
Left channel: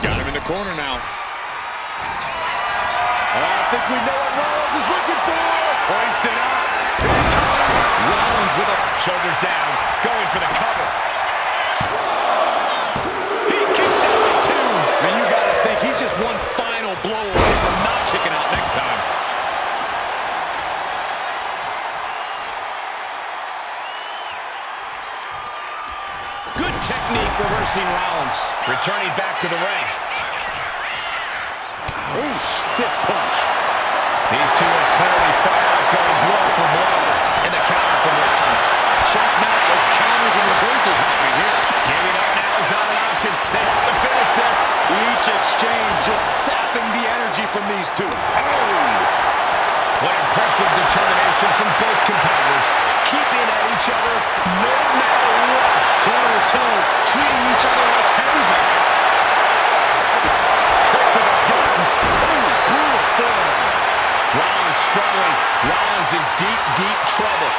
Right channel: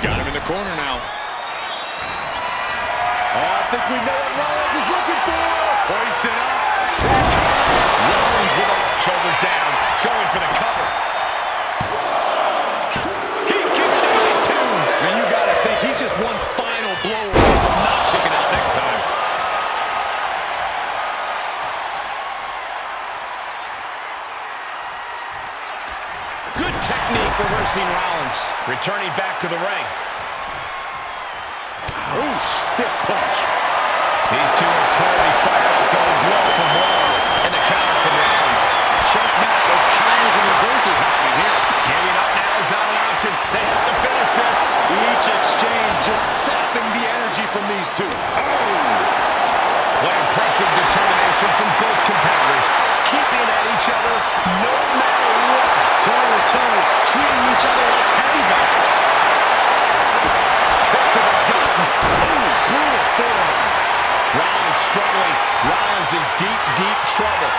Got him in the corner now. I think we know what Rollins is looking for. Hoisted up. Incoming. Rollins with a shoulders down. Going for the cover. He kicks out at 2. And you got to think he's just one final blow away from not kicking out next time. Good technique reversing Rollins. Returning back to the ring. Ooh, stiff punch. These two are clearly fired up, going blow for blow. And the counter from Rollins. Chess match of counters and reversals happening here. Giving up now is not an option. They have to finish this. Each exchange just sapping the energy from these two. Oh! What impressive determination from both competitors. Keeping at each other no matter what. Toe-to-toe, treating each other like heavy bags. Kick to the gut. Oh, brutal form. Rollins struggling. Rollins in deep, deep trouble.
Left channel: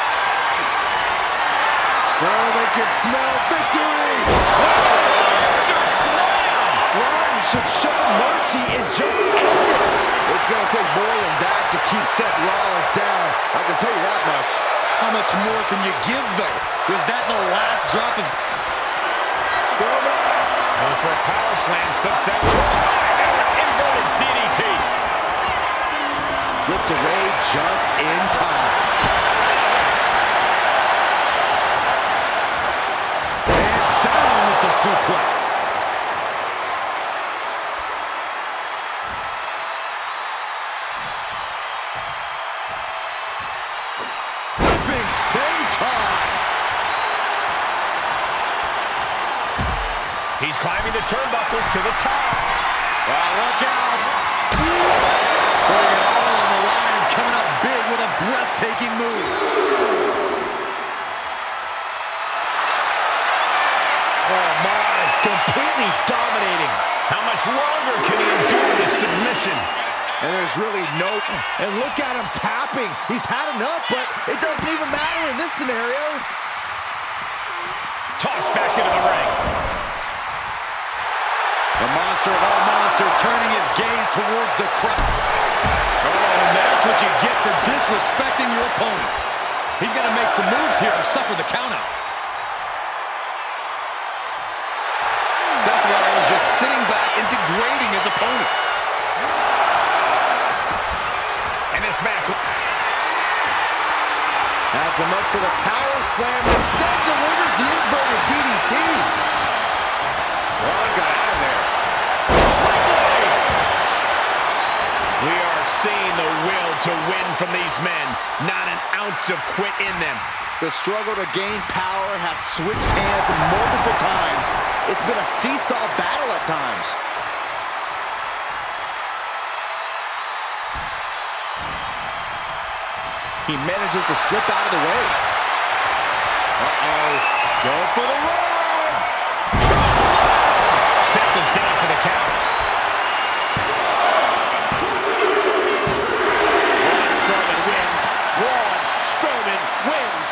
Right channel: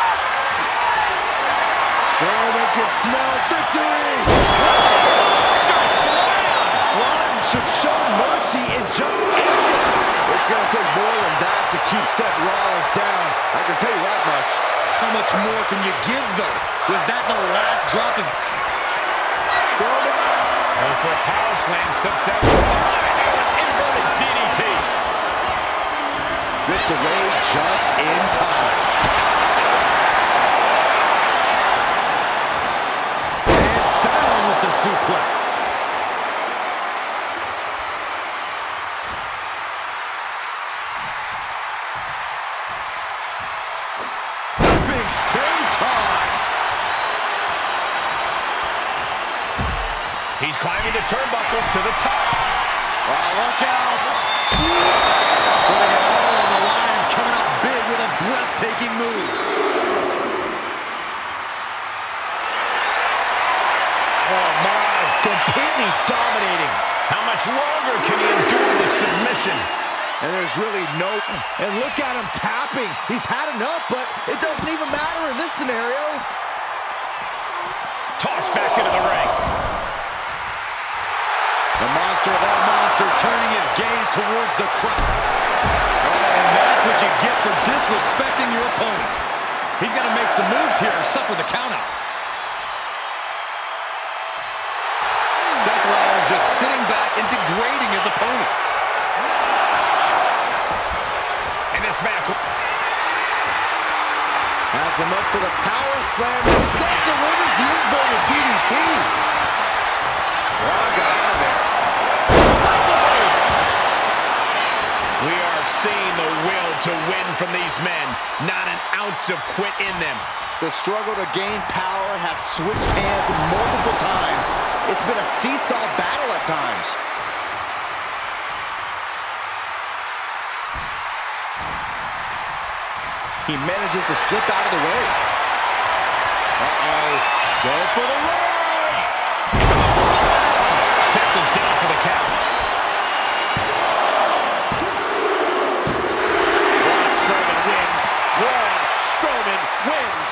Strowman can smell victory. Monster slam. Rollins should show mercy and just end this. It's going to take more than that to keep Seth Rollins down. I can tell you that much. How much more can you give, though? Was that the last drop of... Strowman. Going for a power slam. Steps down. Now an inverted DDT. Slips away just in time. And down with the suplex. Flipping senton. He's climbing the turnbuckles to the top. Well, look out. What? Putting it all on the line and coming up big with a breathtaking move. Oh, my. Completely dominating. How much longer can he endure this submission? And there's really no... And look at him tapping. He's had enough, but it doesn't even matter in this scenario. Tossed back into the ring. The monster of all monsters turning his gaze towards the crowd. Oh, and that's what you get for disrespecting your opponent. He's got to make some moves here or suffer the countout. Seth Rollins just sitting back and degrading his opponent. And this match has him up for the power slam. Instead delivers the inverted DDT. Braun got out of there. We are seeing the will to win from these men. Not an ounce of quit in them. The struggle to gain power has switched hands multiple times. It's been a seesaw battle at times. He manages to slip out of the way. Uh-oh. Go for the run! Seth is down for the count. Braun Strowman wins. Braun Strowman wins.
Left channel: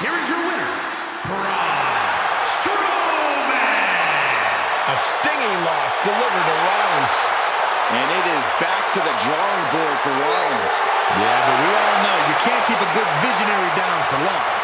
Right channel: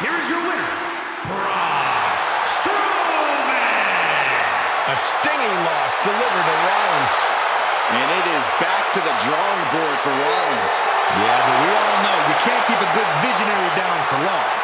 Here is your winner, Braun Strowman. A stinging loss delivered to Rollins. And it is back to the drawing board for Rollins. Yeah, but we all know you can't keep a good visionary down for long.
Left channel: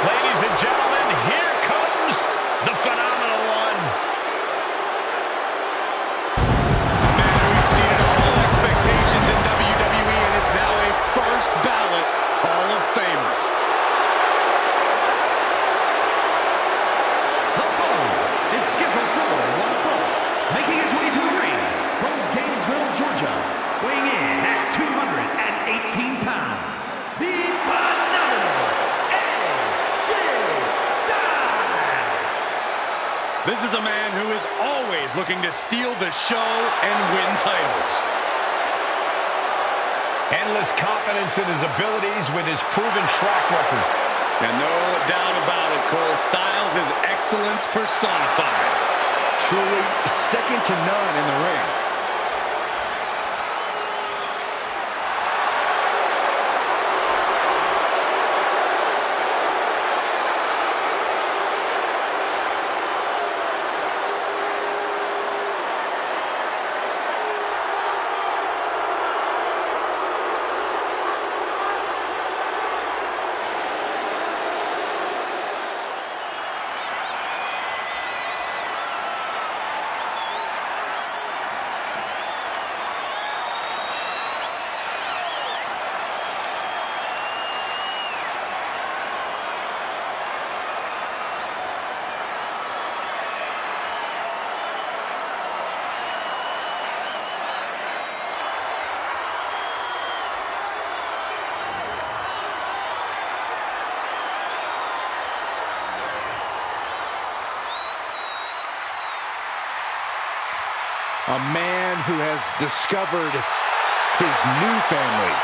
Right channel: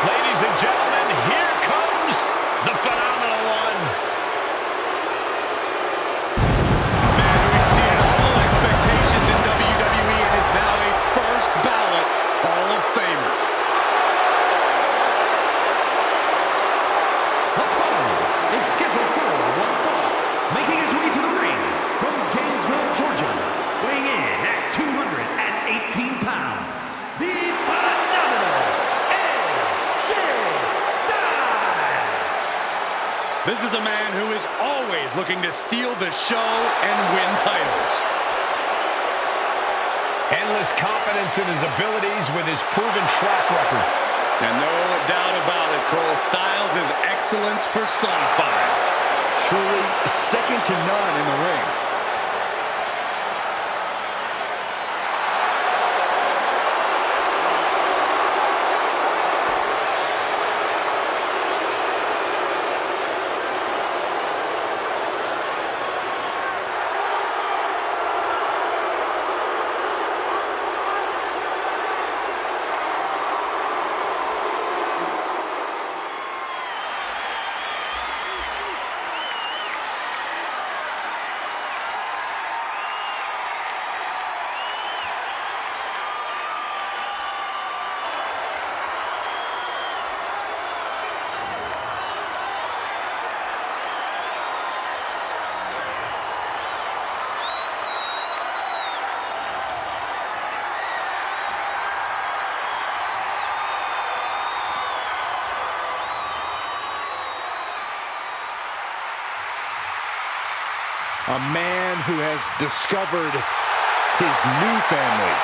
Ladies and gentlemen, here comes the phenomenal one. A man who exceeded all expectations in WWE and is now a first ballot Hall of Famer. The foe is scheduled for one fall, making his way to the ring from Gainesville, Georgia, weighing in at 218 pounds, the phenomenal AJ Styles. This is a man who is always looking to steal the show and win titles. Endless confidence in his abilities with his proven track record. And no doubt about it, Cole, Styles is excellence personified. Truly second to none in the ring. A man who has discovered his new family.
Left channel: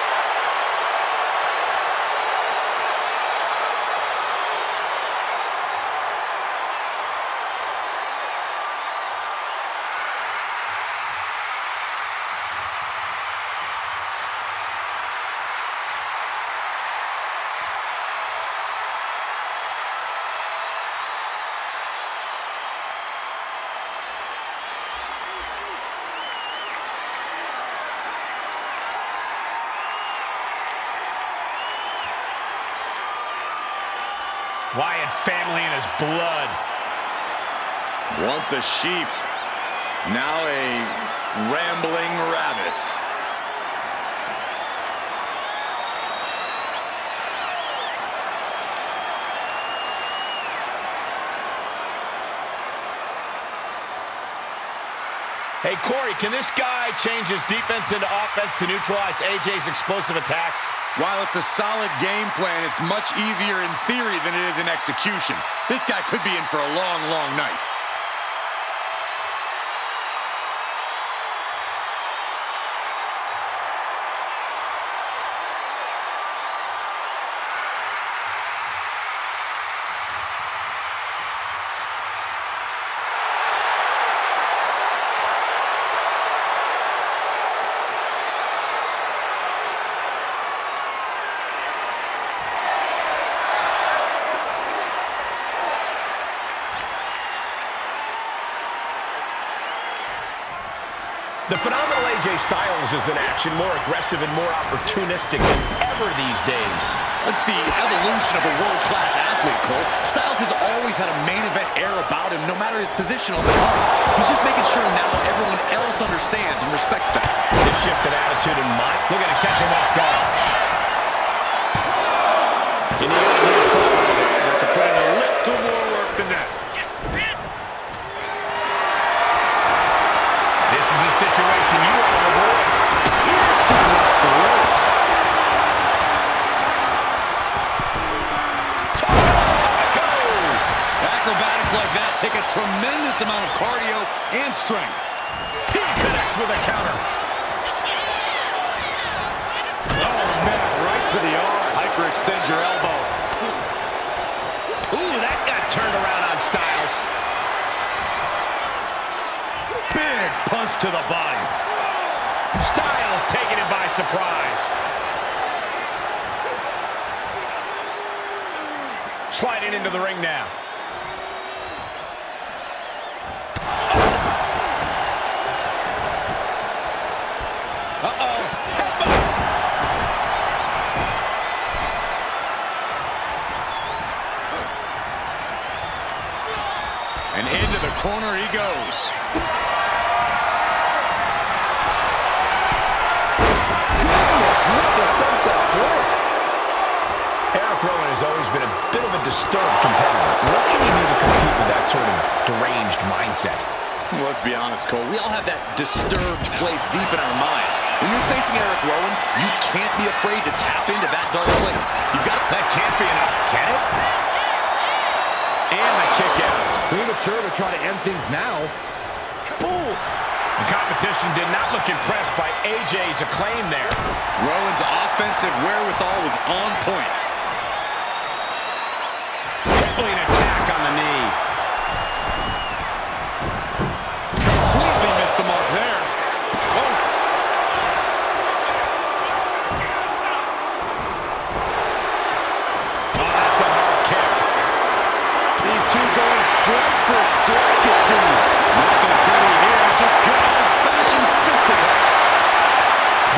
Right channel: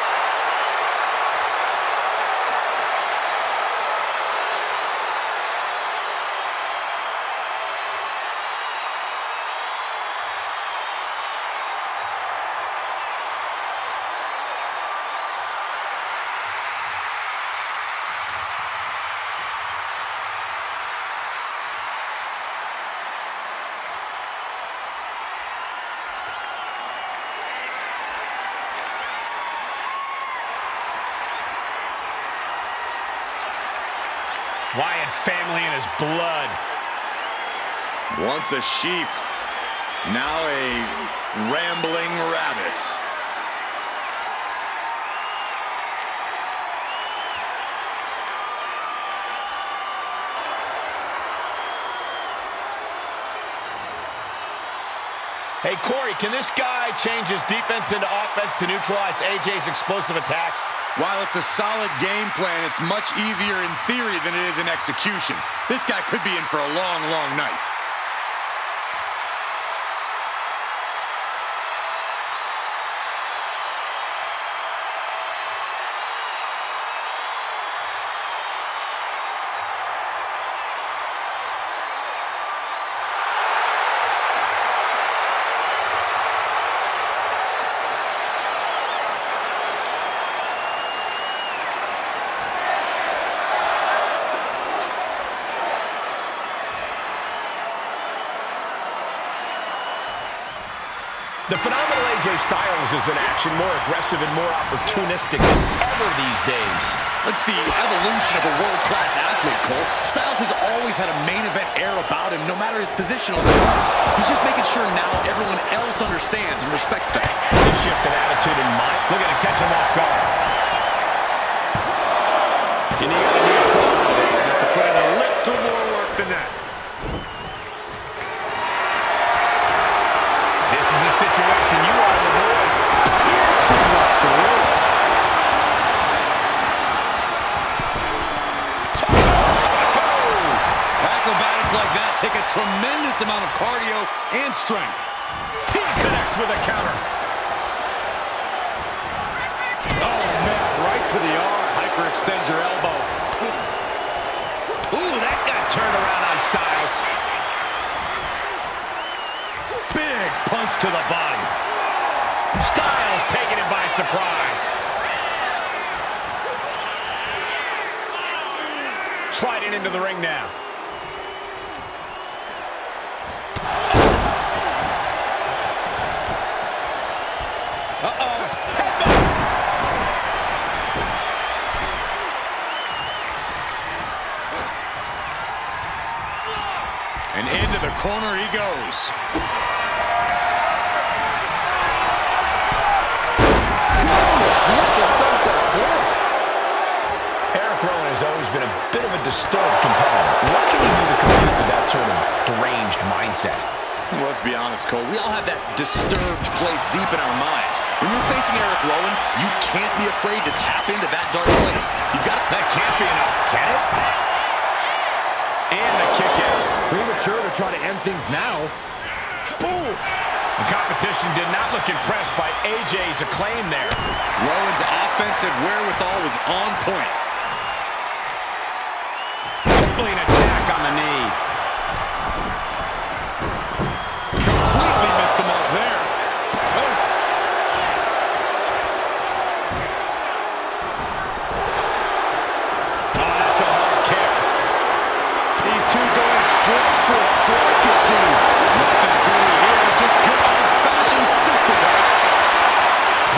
Wyatt family in his blood. Once a sheep, now a rambling rabbit. Hey, Corey, can this guy change his defense into offense to neutralize AJ's explosive attacks? While it's a solid game plan, it's much easier in theory than it is in execution. This guy could be in for a long, long night. The phenomenal AJ Styles is in action, more aggressive and more opportunistic than ever these days. It's the evolution of a world-class athlete, Cole. Styles has always had a main event air about him, no matter his position on the card. He's just making sure now everyone else understands and respects that. This shift in attitude and mind, looking to catch him off guard. And he got a near fall out of it. Have to put in a little more work than that. This is a situation you want to avoid. Piercing the throat. Taco! Acrobatics like that take a tremendous amount of cardio and strength. He connects with a counter. Oh, man, right to the arm. Hyperextend your elbow. Ooh, that got turned around on Styles. Big punch to the body. Styles taking it by surprise. Sliding into the ring now. Uh-oh. Headbutt. And into the corner he goes. What the sunset flip. Eric Rowan has always been a bit of a disturbed competitor. What can he do to compete with that sort of deranged mindset? Well, let's be honest, Cole. We all have that disturbed place deep in our minds. When you're facing Eric Rowan, you can't be afraid to tap into that dark place. You've got That can't be enough, can it? And the kick out. Premature to try to end things now. Oof. The competition did not look impressed by AJ's acclaim there. Rowan's offensive wherewithal was on point. Tripling attack on the knee. Completely missed the mark there. Oh. Oh, that's a hard kick. These two going strike for strike, it seems. Nothing pretty here, just good old-fashioned fisticuffs.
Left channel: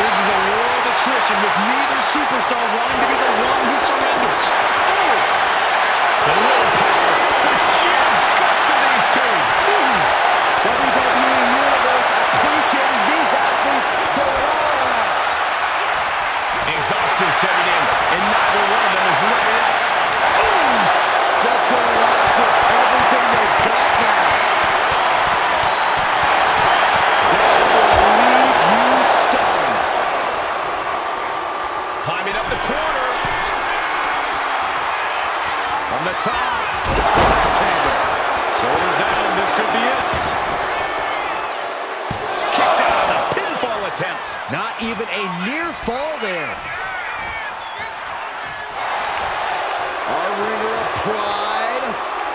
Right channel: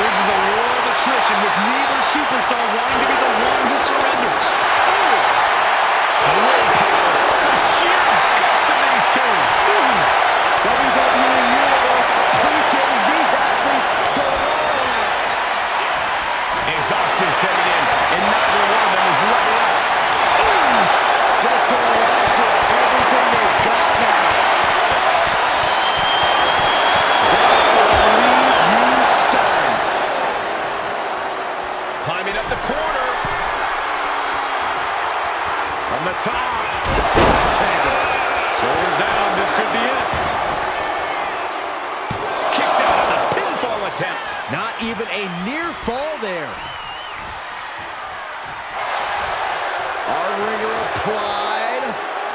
This is a war of attrition with neither superstar wanting to be the one who surrenders. Oh! The willpower, the sheer guts of these two. WWE Universe appreciating these athletes going all out. Exhaustion setting in, and neither one of them is letting up. Just going after everything they've got now. That will leave you stunned. Climbing up the corner. From the top, double axe handle. Shoulders down, this could be it. Kicks out on the pinfall attempt. Not even a near fall there. Our ringer applied.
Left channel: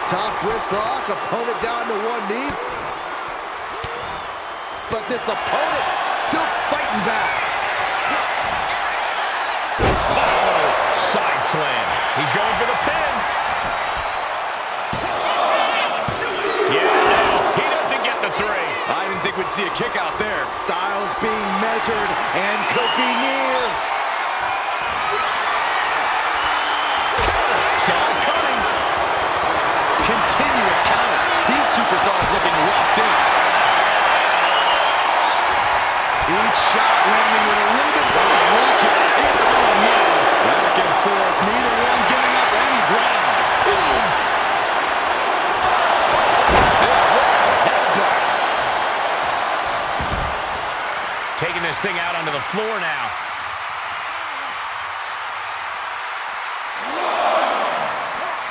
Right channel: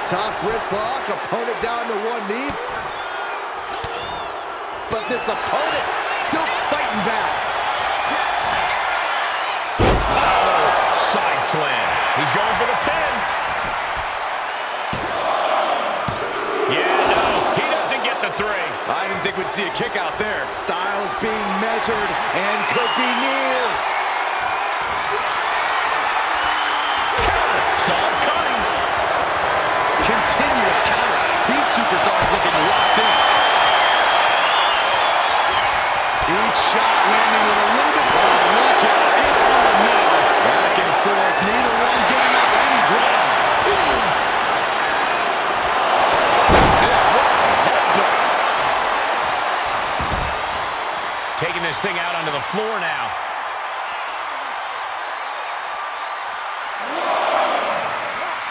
Top wrist lock, opponent down to one knee. But this opponent still fighting back. Oh, side slam. He's going for the pin. Yeah, no, he doesn't get the three. I didn't think we'd see a kick out there. Styles being measured and could be near. Counter. Saw it coming. Continuous counters. These superstars looking locked in. Each shot landing with a little bit more. Look at it. It's on now. Back and forth. Neither one giving up any ground. Taking this thing out onto the floor now.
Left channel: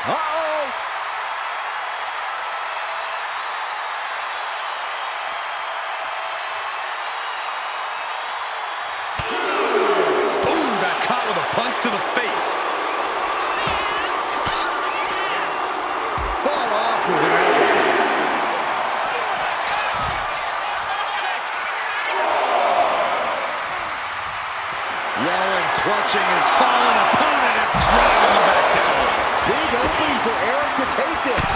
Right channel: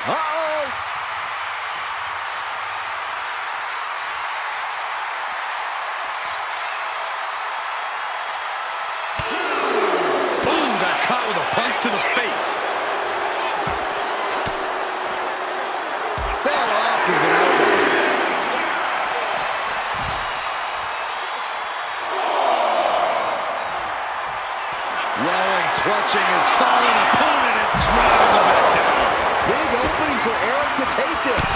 Uh-oh. Ooh, got caught with a punch to the face. Fell off with an elbow. Rowan clutching his fallen opponent and driving him back down. Big opening for Eric to take this.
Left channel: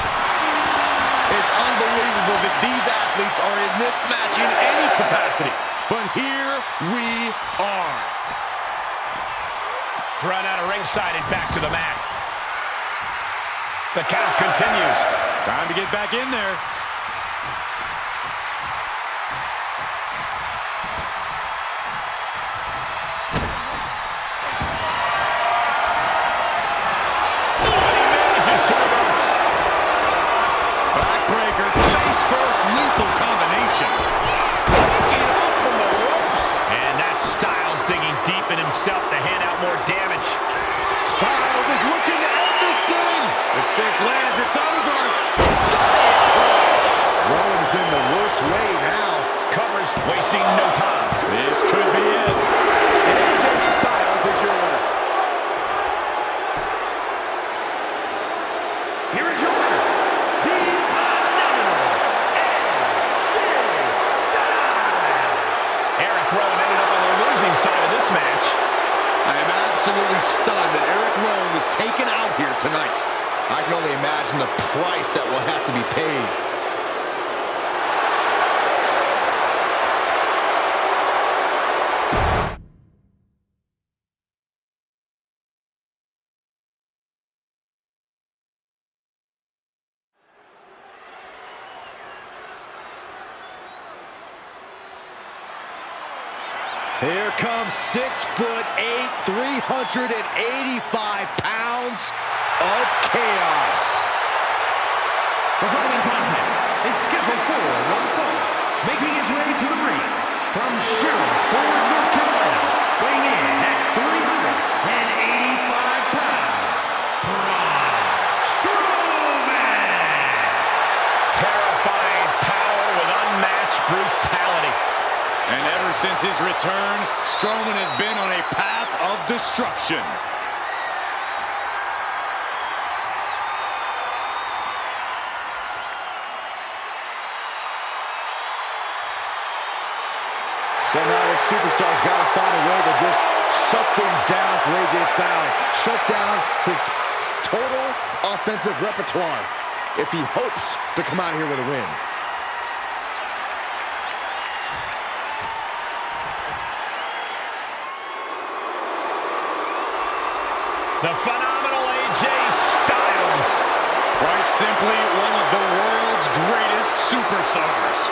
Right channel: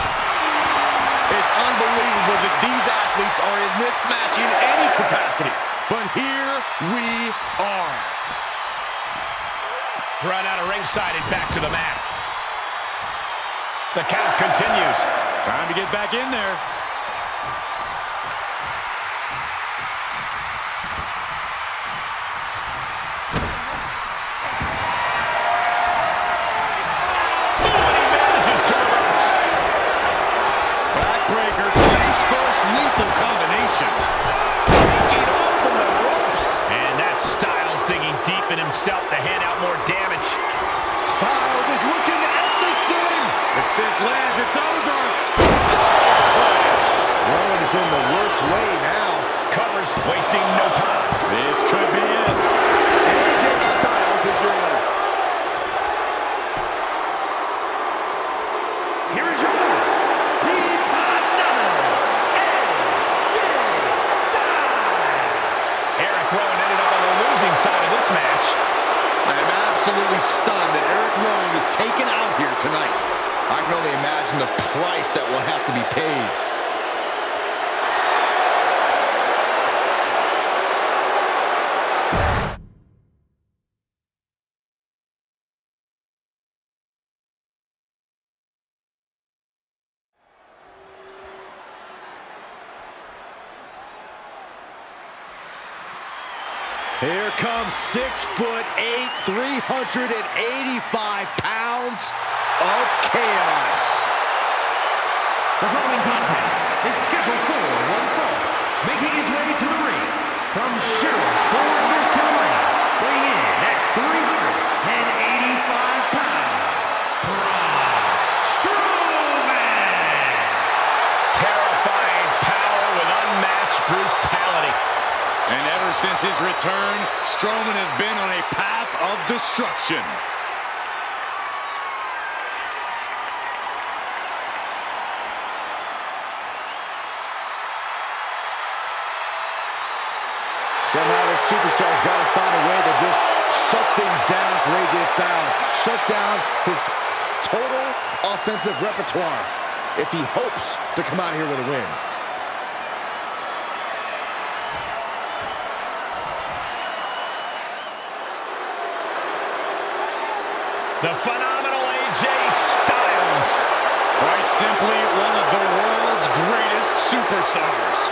It's unbelievable that these athletes athletes are in this match in any capacity. But here we are. Run out of ringside and back to the mat. The count continues. Time to get back in there. Oh, and he manages to reverse. Backbreaker, face first, lethal combination. Taking off from the ropes. And that's Styles digging deep in himself to hand out more damage. Styles is looking to end this thing. If this lands, it's over. Styles crash. Rowan is in the worst way now. Covers, wasting no time. This could be it. And AJ Styles is your winner. Here is your winner, the phenomenal AJ Styles. Eric Rowan ended up on the losing side of this match. I am absolutely stunned that Eric Rowan was taken out here tonight. I can only imagine the price that will have to be paid. Here comes 6'8", 385 pounds of chaos. The following contest is scheduled for one fall. Making his way to the ring from Sherrills-Ford, North Carolina, weighing in at 385 pounds, Braun Strowman. Terrifying power with unmatched brutality. And ever since his return, Strowman has been on a path of destruction. Somehow the superstar's got to find a way to just shut things down for AJ Styles. Shut down his total offensive repertoire if he hopes to come out here with a win. The phenomenal AJ Styles. Quite simply, one of the world's greatest superstars.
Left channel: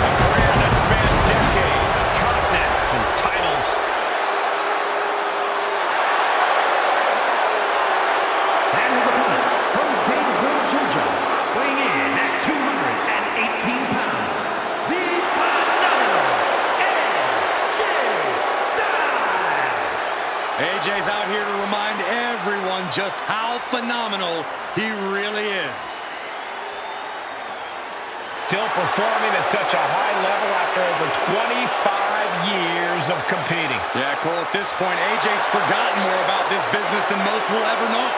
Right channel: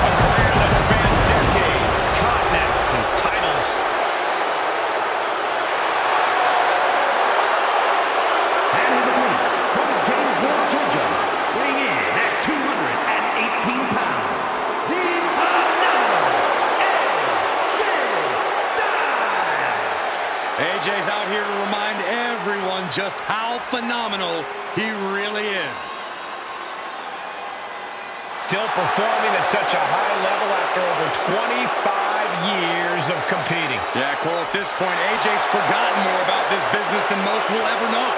A career that spanned decades, continents, and titles. And his opponent from Gainesville, Georgia, weighing in at 218 pounds, the phenomenal AJ Styles. AJ's out here to remind everyone just how phenomenal he really is. Still performing at such a high level after over 25 years of competing. Yeah, Cole, at this point, AJ's forgotten more about this business than most will ever know.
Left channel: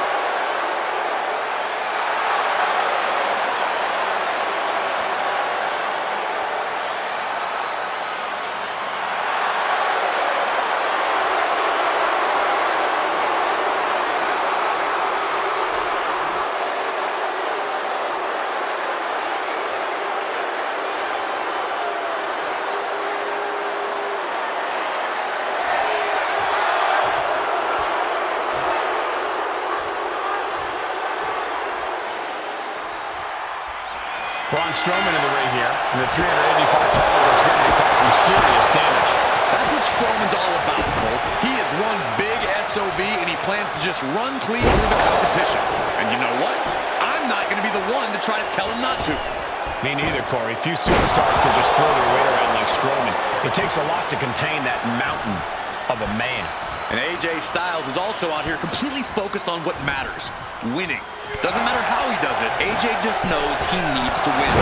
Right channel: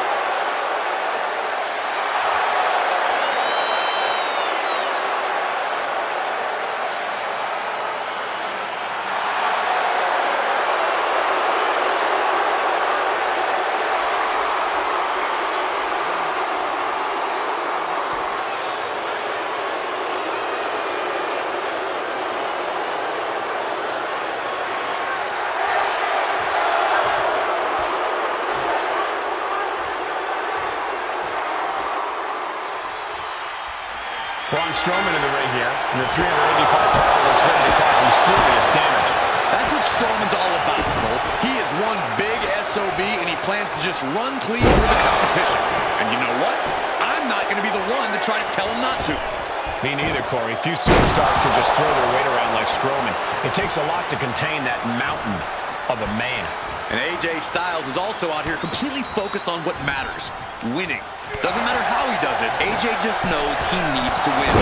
Braun Strowman in the ring here, and the 385-pounder looks ready to cause some serious damage. That's what Strowman's all about, Cole. He is one big SOB, and he plans to just run clean through the competition. And you know what? I'm not going to be the one to try to tell him not to. Me neither, Corey. Few superstars can just throw their weight around like Strowman. It takes a lot to contain that mountain of a man. And AJ Styles is also out here completely focused on what matters, winning. Doesn't matter how he does it, AJ just knows he needs to win.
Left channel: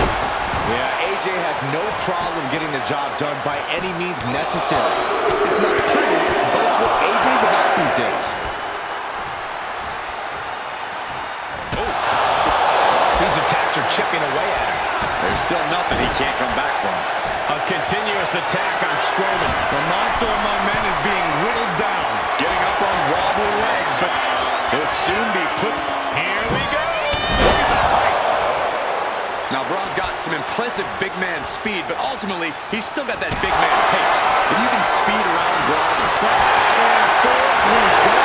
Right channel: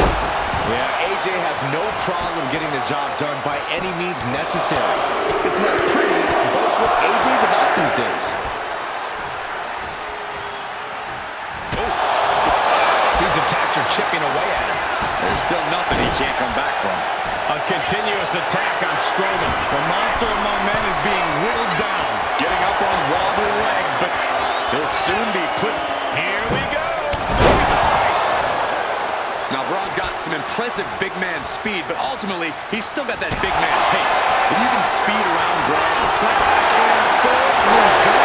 Yeah, AJ has no problem getting the job done by any means necessary. It's not pretty, but it's what AJ's about these days. Oh, these attacks are chipping away at him. There's still nothing he can't come back from. A continuous attack on Strowman. The monster among men is being whittled down, getting up on wobbly legs, but He'll soon be put... Here we go. Look at the height. Now, Braun's got some impressive big man speed, but ultimately, he's still got that big man pace. If you can speed around Braun, back and forth we go.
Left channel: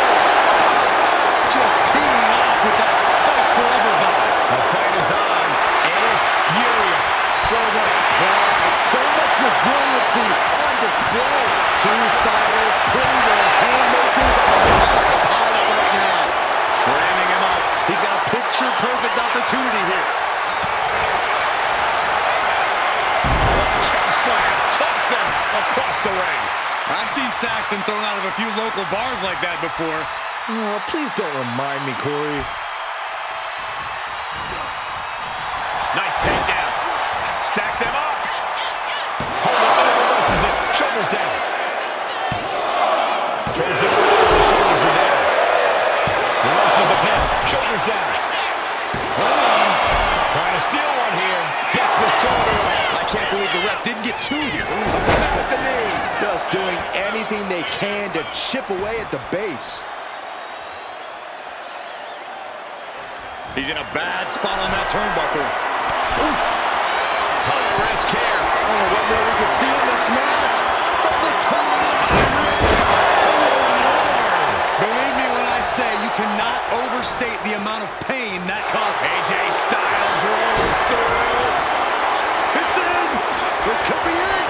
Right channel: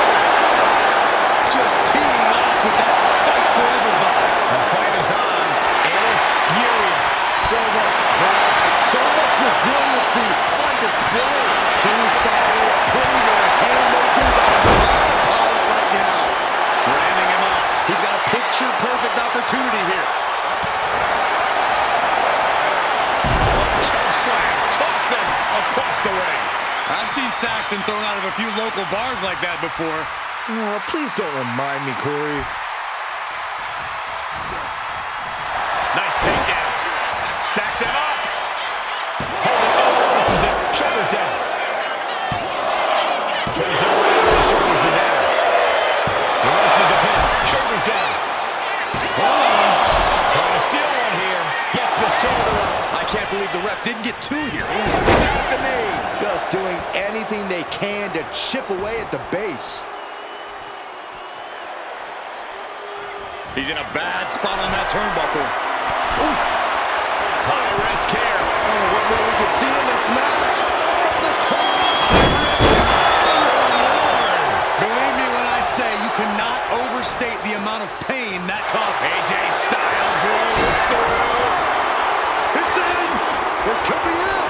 Just teeing off with that fight forever vibe. The fight is on, and it's furious. So much pride, so much resiliency on display. Two fighters putting their haymakers on autopilot right now. Framing him up. He's got a picture-perfect opportunity here. Choke slam, tossed him across the ring. I've seen Saxton thrown out of a few local bars like that before. Oh, please don't remind me, Corey. Nice takedown. Stacked him up. This is it. Shoulders down. Turns it around. The shoulders are down. Reverses the pin. Shoulders down. Hold on. Trying to steal one here. Gets the shoulder up. I can't believe the ref didn't get two here. Took him out at the knee. Just doing anything they can to chip away at the base. He's in a bad spot on that turnbuckle. Oof. High risk here. Oh, what more we can see in this match. From the top. High risk. Lord. Believe me when I say you cannot overstate the amount of pain that caused. AJ Styles rolls through. It's in. This could be it.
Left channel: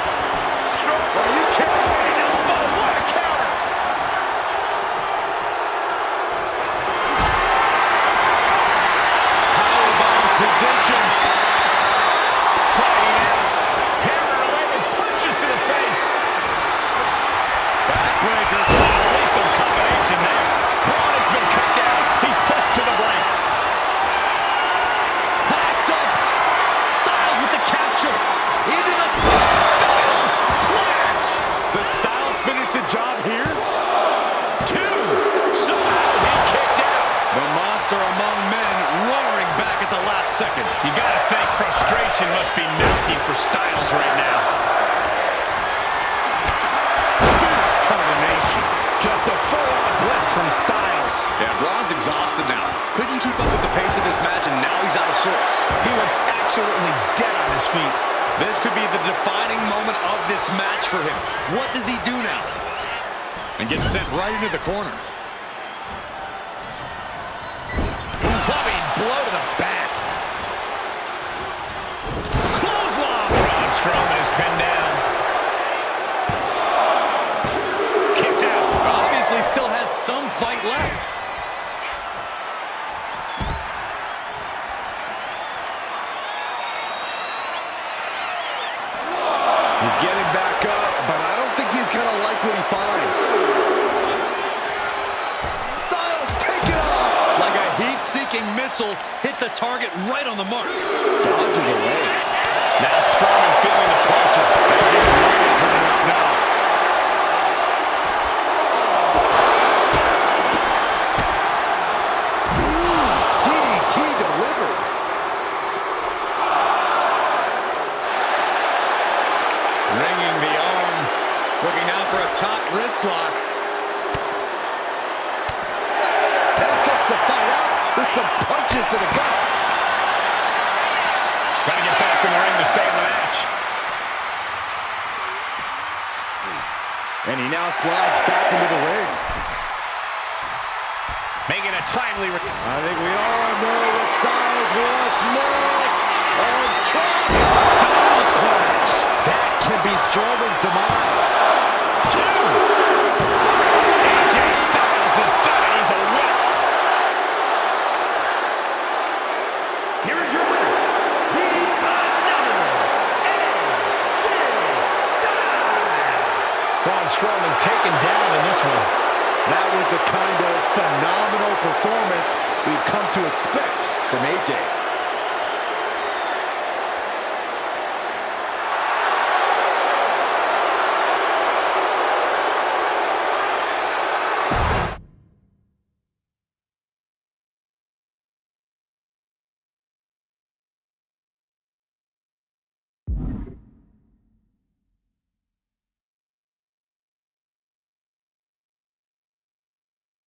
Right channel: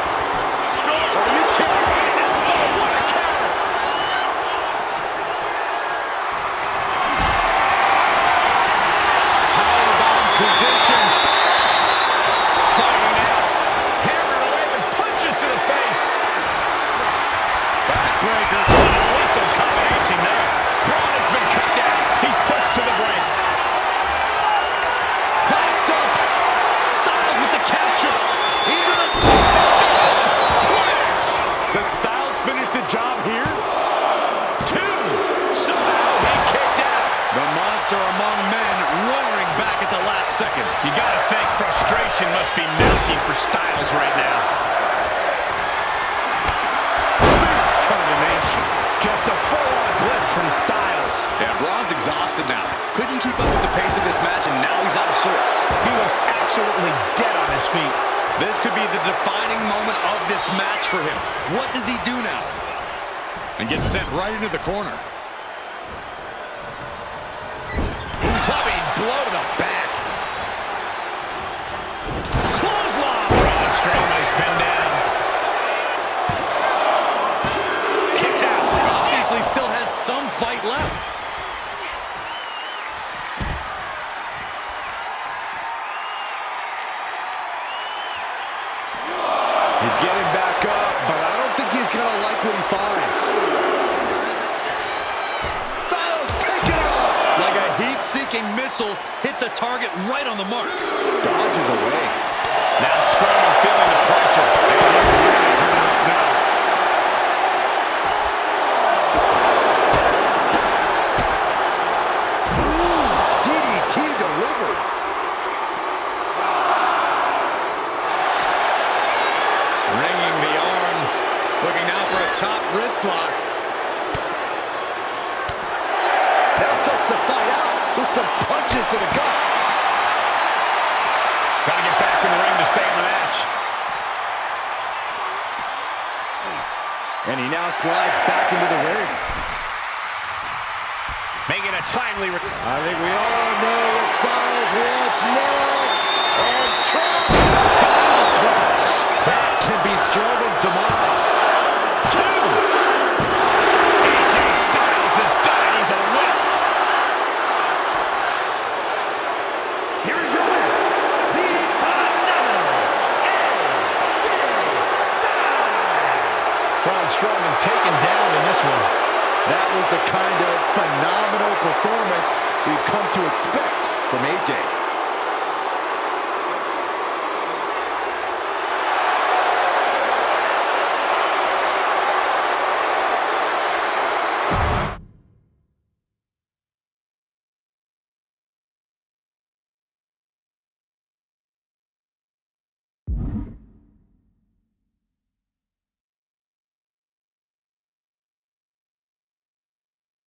Strong. Are you kidding me? Elbow. What a counter. Powerbomb position. Fighting out. Hammered away with punches to the face. Backbreaker. Lethal combination there. Braun has been cut down. He's pushed to the break. Popped up. Styles with the capture. Into the... Styles clash. Does Styles finish the job here? Two. Somehow he kicked out. The monster among men roaring back at the last second. You gotta think frustration must be mounting for Styles right now. Fierce combination. Just a full-on blitz from Styles. Yeah, Braun's exhausted now. Couldn't keep up with the pace of this match, and now he's out of sorts. He looks absolutely dead on his feet. This could be the defining moment of this match for him. What does he do now? And gets sent right into the corner. Clubbing blow to the back. Clothesline. Braun Strowman is pinned down. Kicks out. Obviously still has some fight left. He's getting back up, but I don't think he's gonna like what he finds. Styles, take it off! Like a heat-seeking missile, hit the target right on the mark. Dodges away. Now Strowman feeling the pressure. And he's really turning up now. DDT delivered. Ringing the arm. Looking out for a top wrist block. Now starts to fight out with some punches to the gut. Got to get back in the ring to stay in the match. And he now slides back into the ring. Making a timely... I think we all know what Styles wants next. On Strowman. Styles clash. That can be Strowman's demise. Two. AJ Styles has done it. He's a winner. Here is your winner, the phenomenal AJ Styles. Braun Strowman taken down in this one. That was the kind of phenomenal performance we've come to expect from AJ.